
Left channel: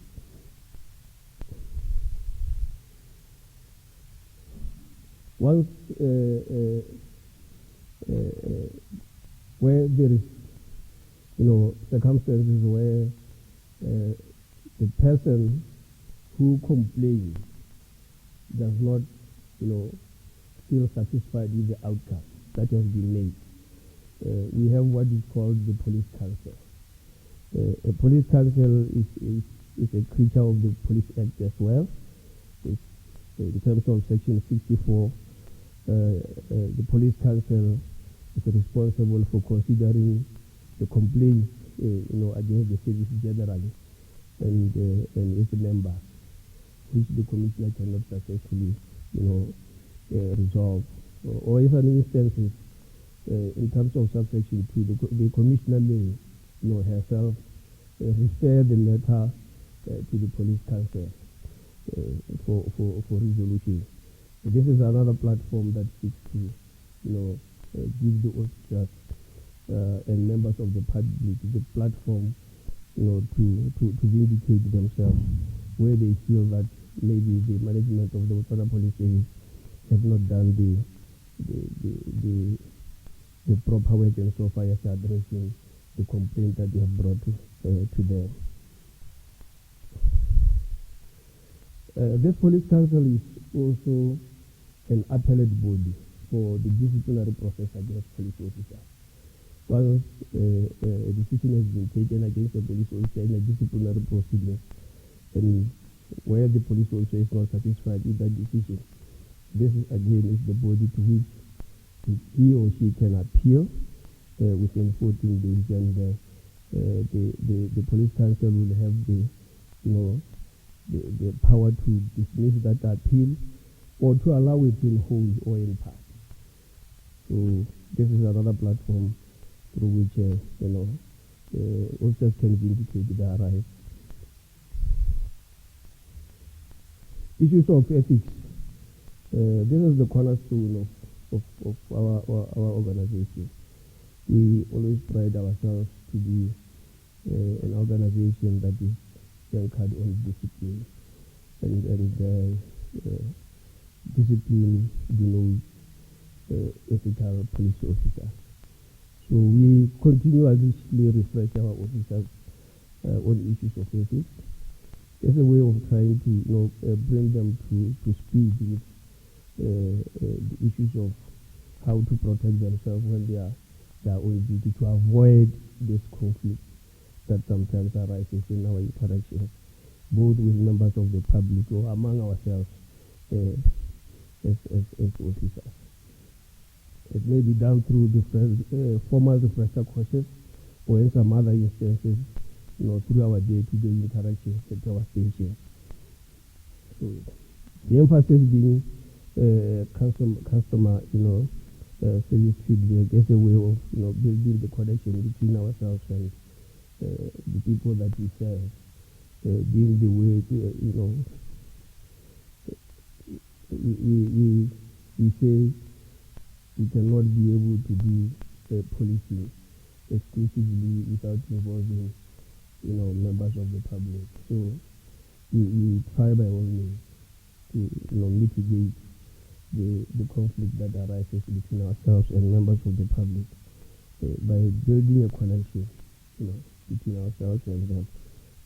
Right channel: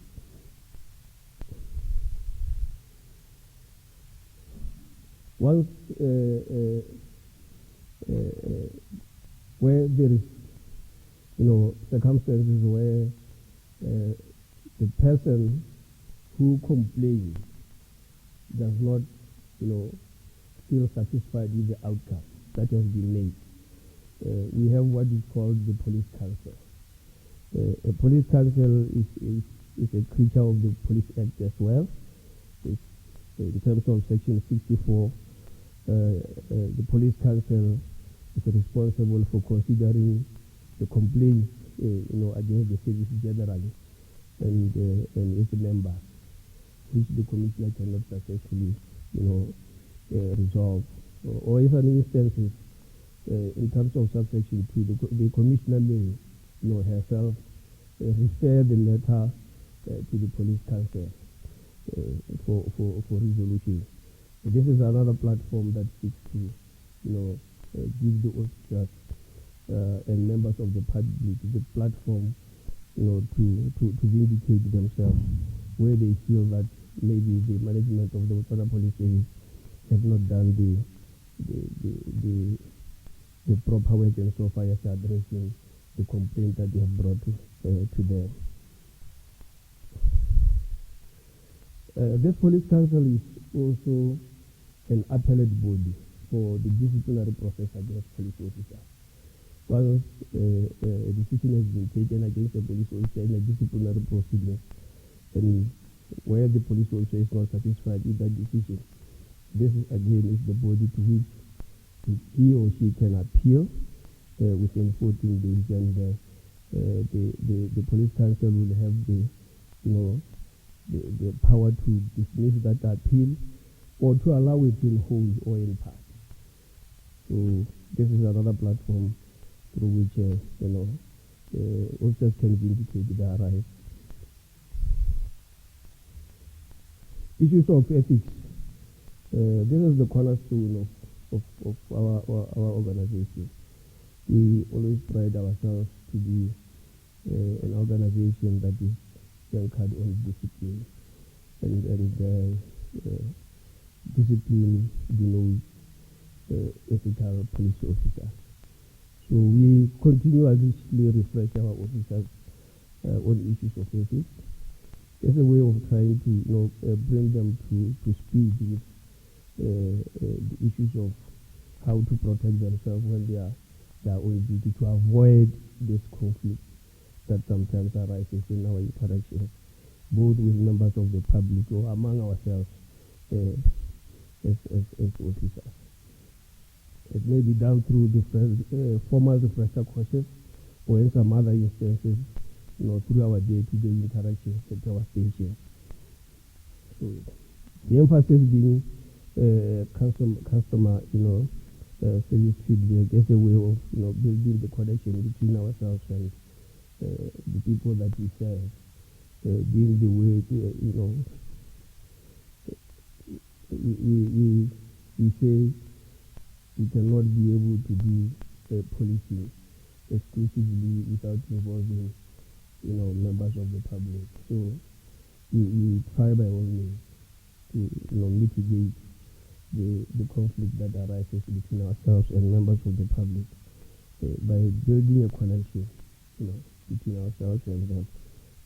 Once where there is circumstances where the person who complains does not feel satisfied with the outcome that has been made, we have what is called the police council. A police council is a creature of the Police Act as well. It's, in terms of Section 64, the police council is responsible for considering the complaints, against the service generally and its members, which the commissioner cannot successfully, resolve. Or if an instance in terms of subsection 2, the commissioner may, herself refer the matter to the police council for resolution. This is another platform that seeks to, give the officers and members of the public the platform, to vindicate themselves where they feel that maybe the management of the Botswana Police Service have not done the proper work and so far as addressing the complaint that they have brought to them. This police council is also an appellate body for the disciplinary process against police officers. Once a decision has been taken against a police officer in a disciplinary proceeding, and where the police officer is not satisfied with that decision, this again is the body to which he or she can appeal within 14 days, and the police council will have the power to dismiss that appeal or to allow it in whole or in part. So this is another platform through which officers can vindicate their rights. Issues of ethics. This is the cornerstone of our organization. We always pride ourselves to be an organization that is anchored on discipline, and discipline denotes ethical police officers. So we continuously refresh our officers on issues of ethics. It's a way of trying to bring them to speed with the issues of how to protect themselves when they are on duty, to avoid this conflict that sometimes arises in our interactions, both with members of the public or among ourselves as officers. It may be done through different formal refresher courses, or in some other instances, through our day-to-day interactions at our stations. So the emphasis being customer, service feedback as a way of, building the connection between ourselves and the people that we serve, being the way, we say we cannot be able to do policing exclusively without involving, members of the public. So we try by all means to, mitigate the conflict that arises between ourselves and members of the public by building a connection, between ourselves and them,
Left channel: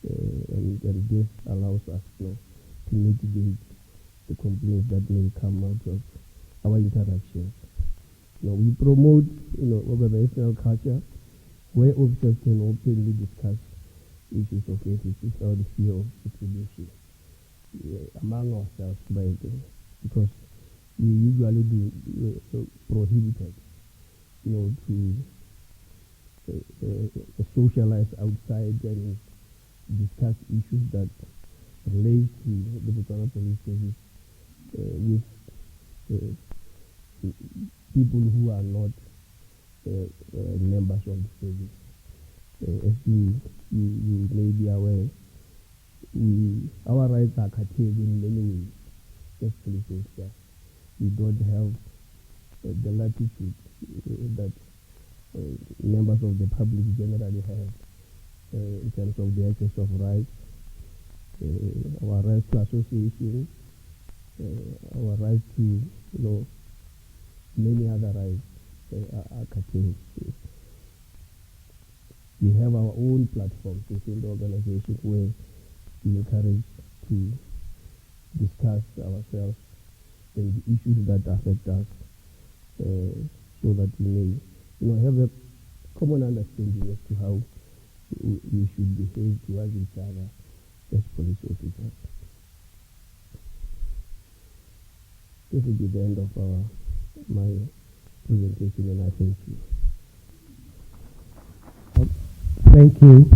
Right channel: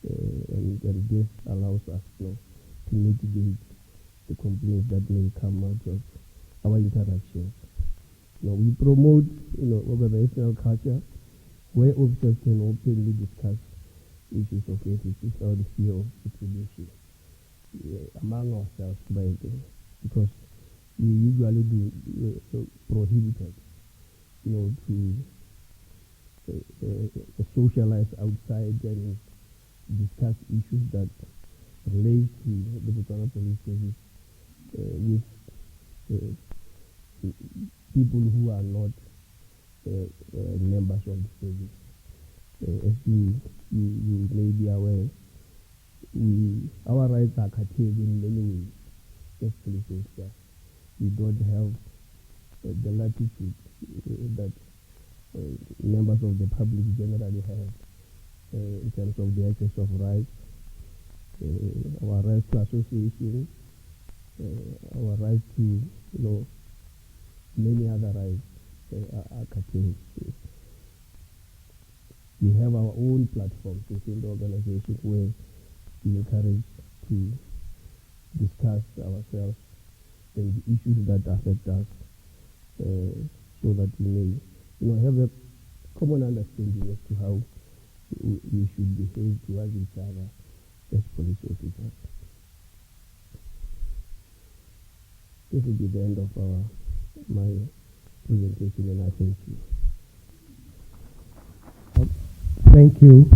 and this allows us, to mitigate the complaints that may come out of our interactions. We promote, organizational culture where officers can openly discuss issues of ethics without the fear of retribution among ourselves, because we usually do prohibited, to socialize outside and discuss issues that relate to the Botswana Police Service with people who are not members of the service. As you may be aware, our rights are curtailed in many ways as police officers. We don't have the latitude that members of the public generally have in terms of the access of rights, our rights to association, our rights to, many other rights are curtailed. We have our own platforms within the organization where we encourage to discuss ourselves and the issues that affect us, so that we may, have a common understanding as to how we should behave towards each other as police officers. This will be the end of our my presentation, and I thank you. Thank you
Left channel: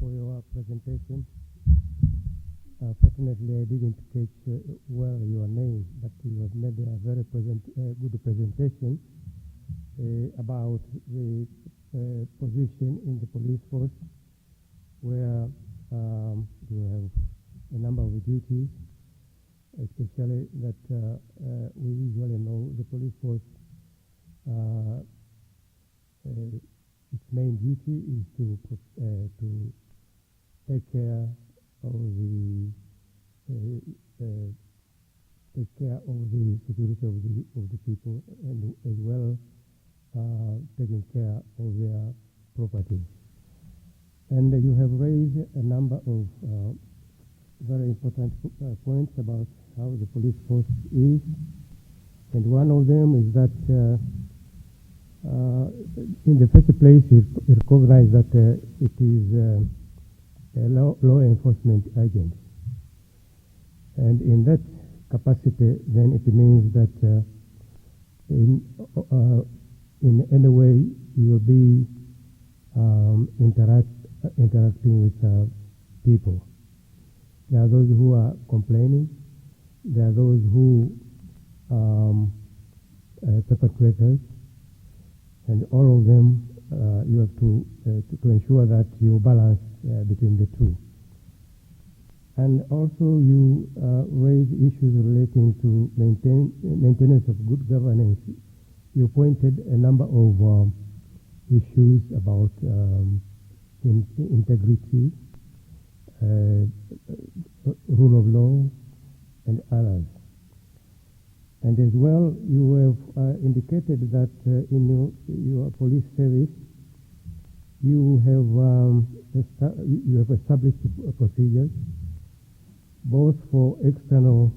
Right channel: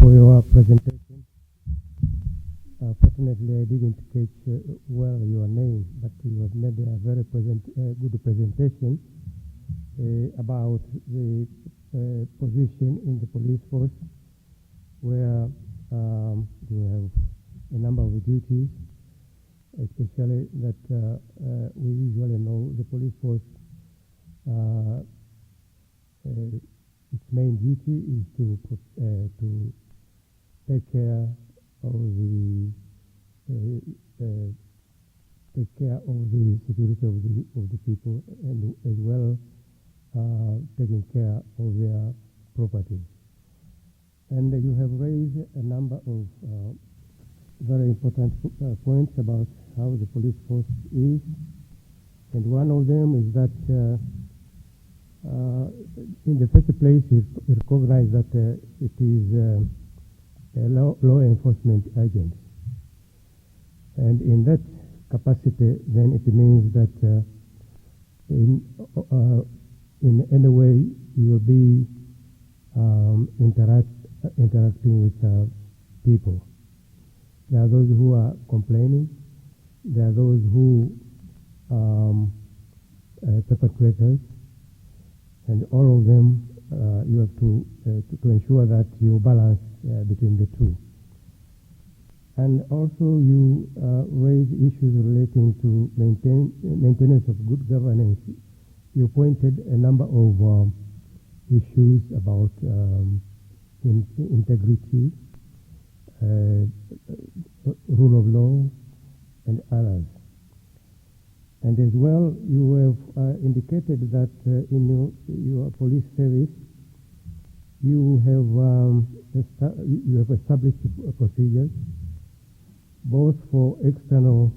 for your presentation. Fortunately, I didn't catch well your name, but you have made a very good presentation about the position in the police force, where you have a number of duties, especially that we usually know the police force, its main duty is to take care of the security of the people, and as well taking care of their property. And you have raised a number of very important points about how the police force is, and one of them is that in the first place you recognize that it is a law enforcement agent, and in that capacity then it means that in any way you will be interacting with people. There are those who are complaining, there are those who perpetrators, and all of them you have to ensure that you balance between the two. And also you raise issues relating to maintenance of good governance. You pointed a number of issues about integrity, rule of law, and others. And as well, you have indicated that in your police service, you have established procedures both for external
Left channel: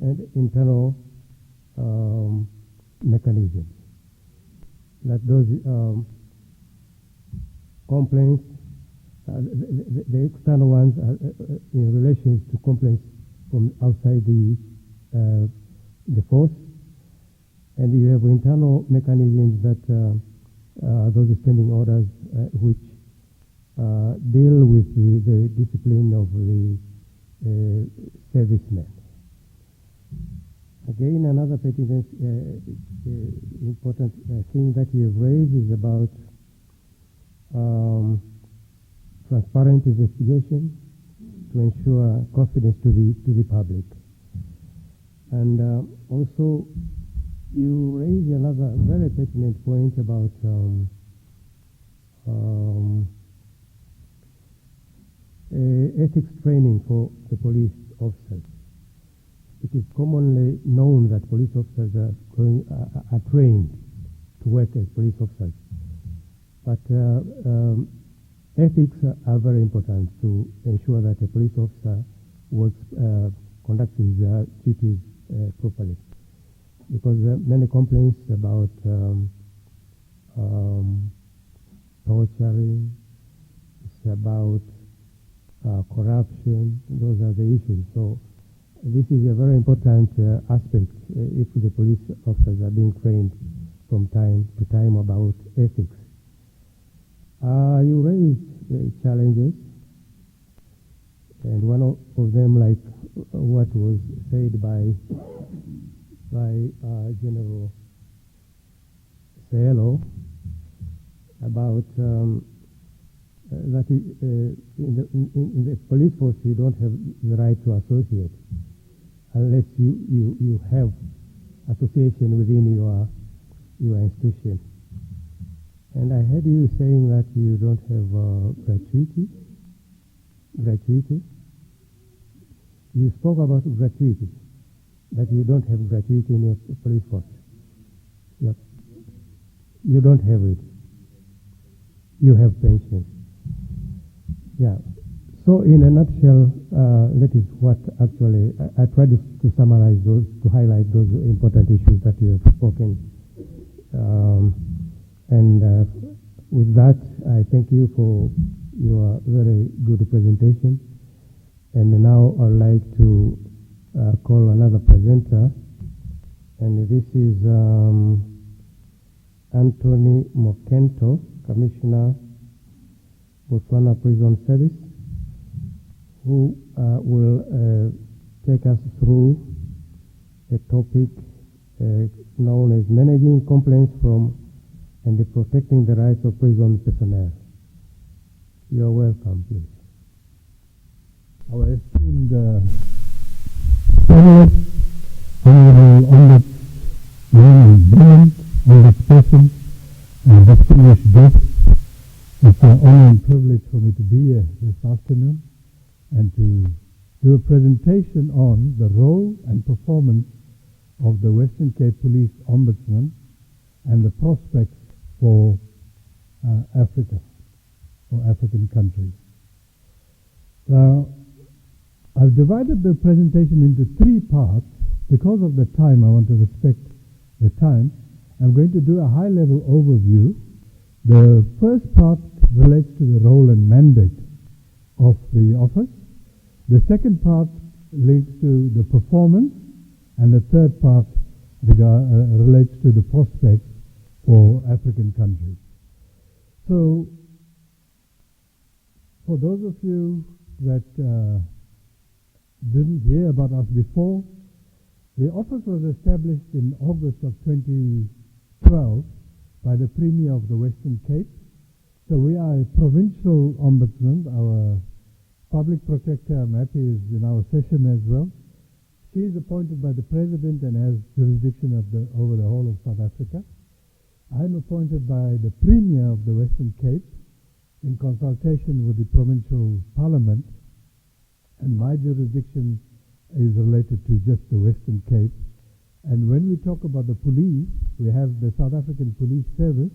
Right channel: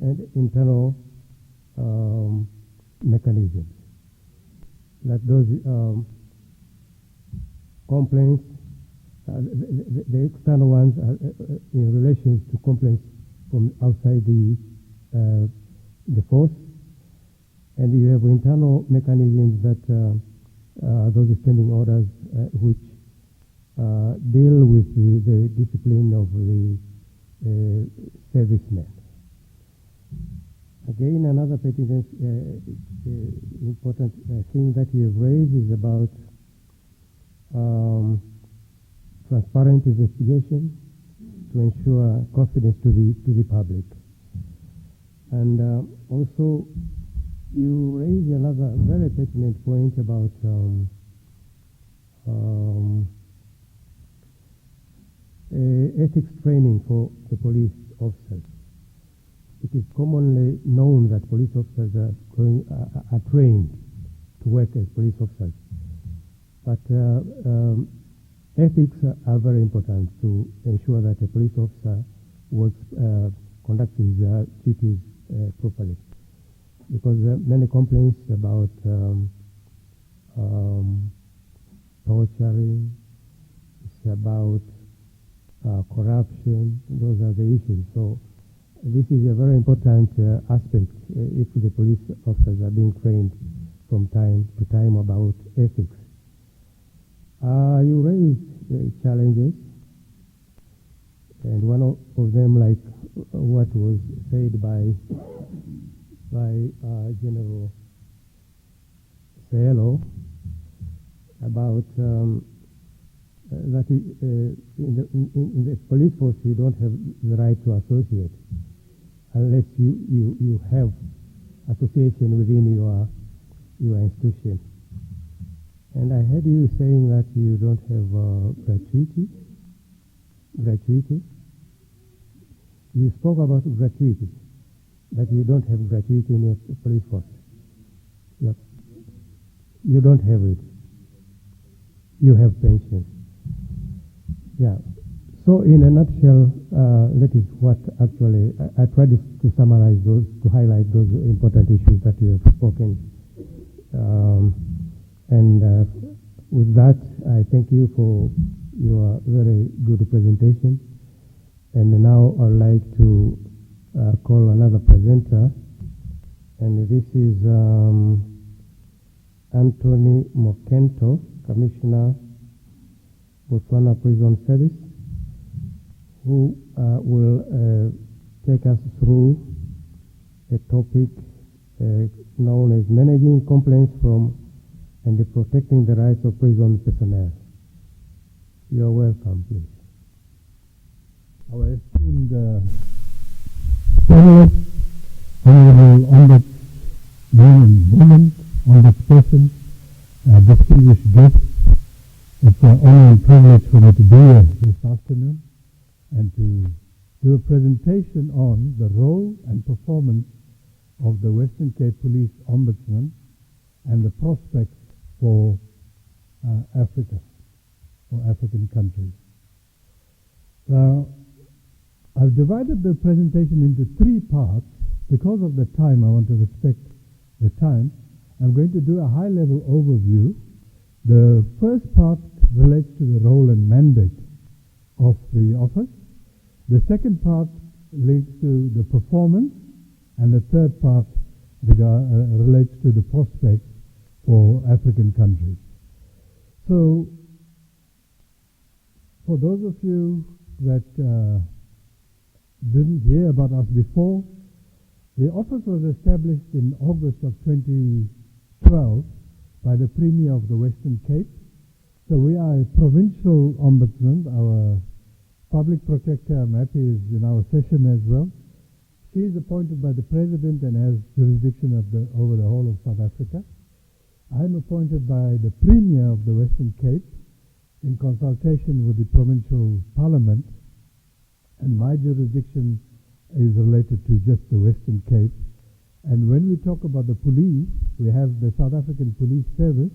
and internal mechanisms. That those complaints, the external ones are in relation to complaints from outside the force, and you have internal mechanisms that those standing orders which deal with the discipline of the servicemen. Again, another pertinent important thing that you have raised is about transparent investigation to ensure confidence to the public. And also you raise another very pertinent point about ethics training for the police officers. It is commonly known that police officers are trained to work as police officers, but ethics are very important to ensure that a police officer conducts his duties properly. Because many complaints about torturing, it's about corruption, those are the issues. So this is a very important aspect if the police officers are being trained from time to time about ethics. You raised challenges, and one of them, like what was said by General Cielo about that in the police force you don't have the right to associate unless you have association within your institution. And I heard you saying that you don't have gratuity. You spoke about gratuity, that you don't have gratuity in your police force. Yep. You don't have it. You have pensions. Yeah. So in a nutshell, that is what actually, I tried to summarize those, to highlight those important issues that you have spoken. With that, I thank you for your very good presentation. And now I'd like to call another presenter, and this is Anthony Mokento, Commissioner, Botswana Prison Service, who will take us through a topic known as managing complaints from and protecting the rights of prison personnel. You are welcome, please. Our esteemed panelists, honorable Ombuds, men and women, ombudspersons, distinguished guests, it's an honor and privilege for me to be here this afternoon and to do a presentation on the role and performance of the Western Cape Police Ombudsman and the prospects for Africa, or African countries. Now, I've divided the presentation into three parts. Because of the time, I want to respect the time. I'm going to do a high-level overview. The first part relates to the role and mandate of the office. The second part links to the performance, and the third part relates to the prospects for African countries. So, for those of you that didn't hear about us before, the office was established in August of 2012 by the Premier of the Western Cape. So we are a provincial ombudsman. Our public protector, I'm happy, is in our session as well. She is appointed by the President and has jurisdiction over the whole of South Africa. I'm appointed by the Premier of the Western Cape in consultation with the provincial parliament, and my jurisdiction is related to just the Western Cape. And when we talk about the police, we have the South African Police Service,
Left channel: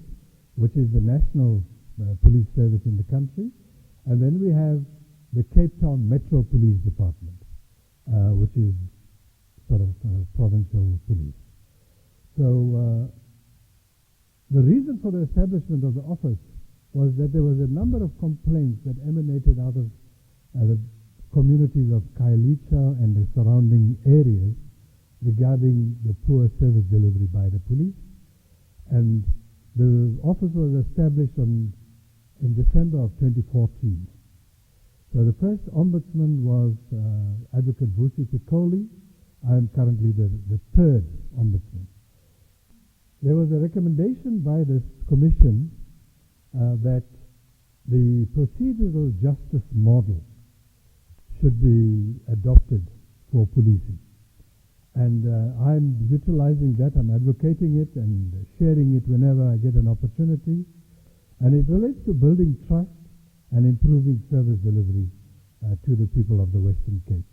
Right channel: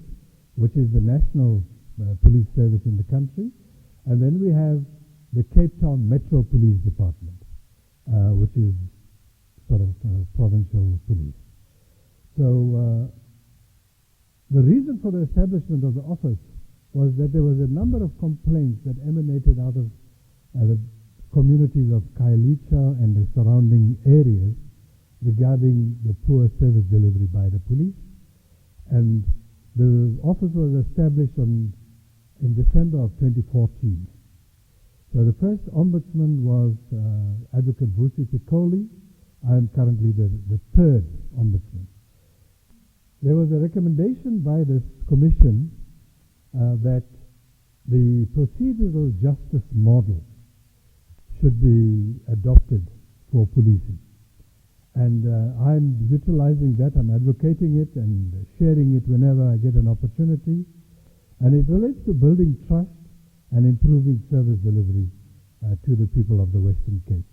which is the national police service in the country, and then we have the Cape Town Metro Police Department, which is sort of provincial police. So the reason for the establishment of the office was that there was a number of complaints that emanated out of the communities of Khayelitsha and the surrounding areas regarding the poor service delivery by the police. And the office was established in December of 2014. So the first ombudsman was Advocate Vusi Pikoli. I am currently the third ombudsman. There was a recommendation by this commission that the procedural justice model should be adopted for policing. And I'm utilizing that, I'm advocating it and sharing it whenever I get an opportunity. And it relates to building trust and improving service delivery to the people of the Western Cape.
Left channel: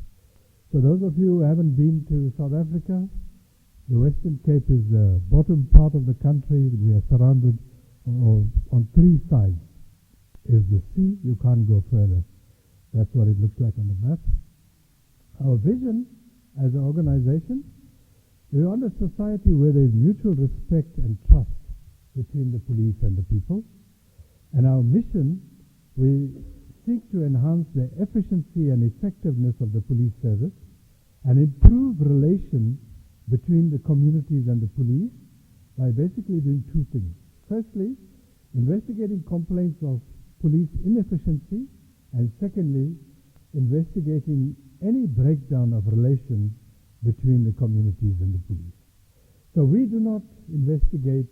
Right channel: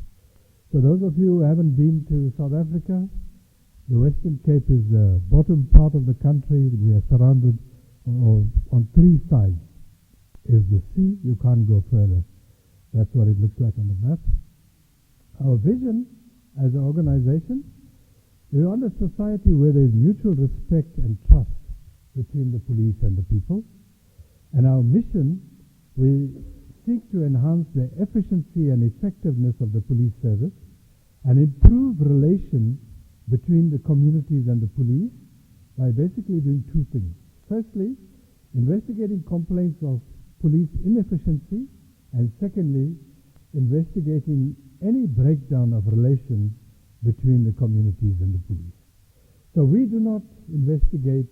So those of you who haven't been to South Africa, the Western Cape is the bottom part of the country. We are surrounded on three sides. Is the sea, you can't go further. That's what it looks like on the map. Our vision as an organization, we want a society where there is mutual respect and trust between the police and the people. And our mission, we seek to enhance the efficiency and effectiveness of the police service and improve relations between the communities and the police by basically doing two things. Firstly, investigating complaints of police inefficiency, and secondly, investigating any breakdown of relations between the communities and the police. So we do not investigate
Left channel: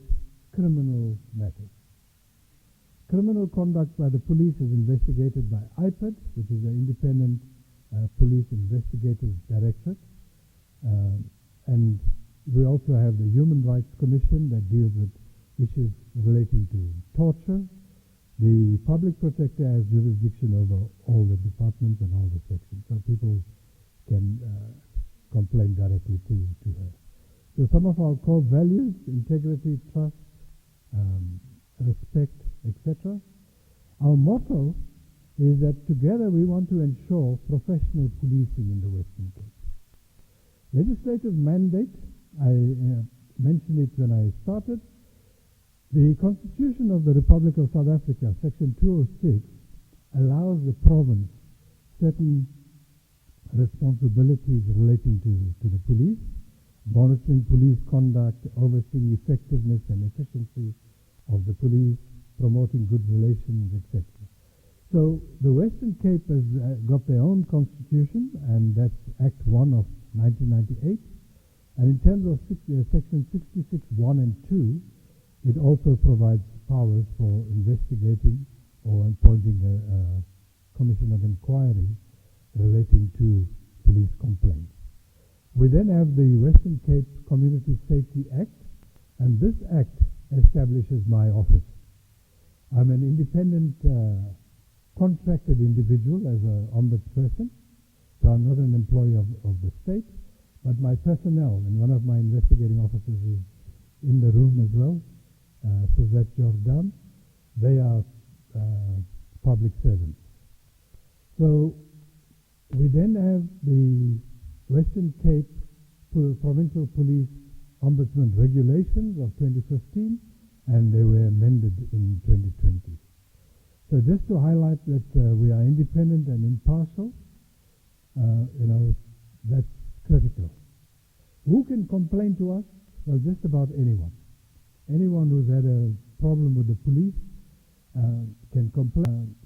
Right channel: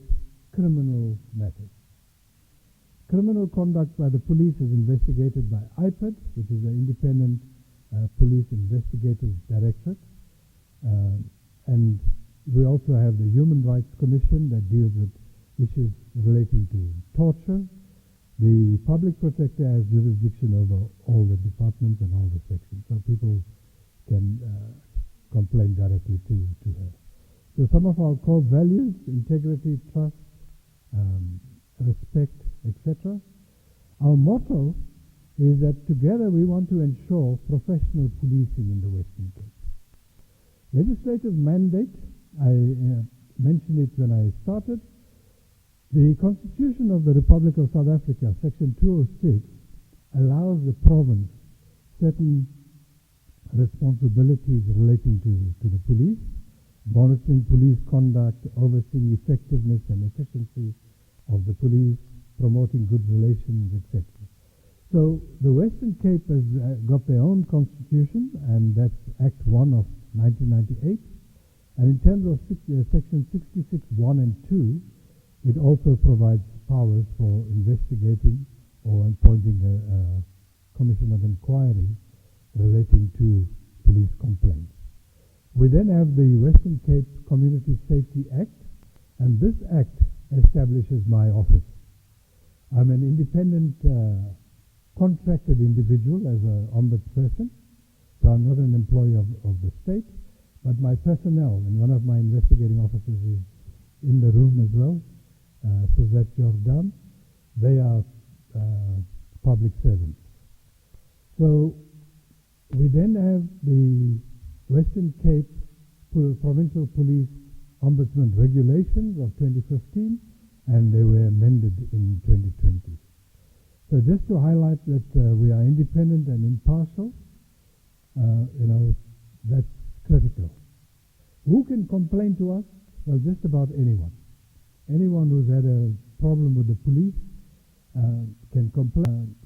criminal matters. Criminal conduct by the police is investigated by IPID, which is the Independent Police Investigative Directorate. And we also have the Human Rights Commission that deals with issues relating to torture. The public protector has jurisdiction over all the departments and all the sections, so people can complain directly to her. So some of our core values: integrity, trust, respect, etc. Our motto is that together we want to ensure professional policing in the Western Cape. Legislative mandate, I mentioned it when I started. The Constitution of the Republic of South Africa, Section 206, allows the province certain responsibilities relating to the police, monitoring police conduct, overseeing effectiveness and efficiency of the police, promoting good relations, etc. So the Western Cape has got their own constitution, and that's Act 1 of 1998. And in terms of Section 66, 1 and 2, it also provides powers for investigating or appointing a commission of inquiry relating to police complaints. We then have the Western Cape Community Safety Act, and this act establishes my office. I'm an independent contracted individual as an ombudsperson, so I'm not an employee of the state, but my personnel, and one of my investigating officers is in the room as well, Suzette Jordan, they are public servants. So we then have the Western Cape Provincial Police Ombudsman Regulations of 2015, and they were amended in 2020. So just to highlight that we are independent and impartial, that's critical. Who can complain to us? Well, just about anyone. Anyone who's had a problem with the police can complain.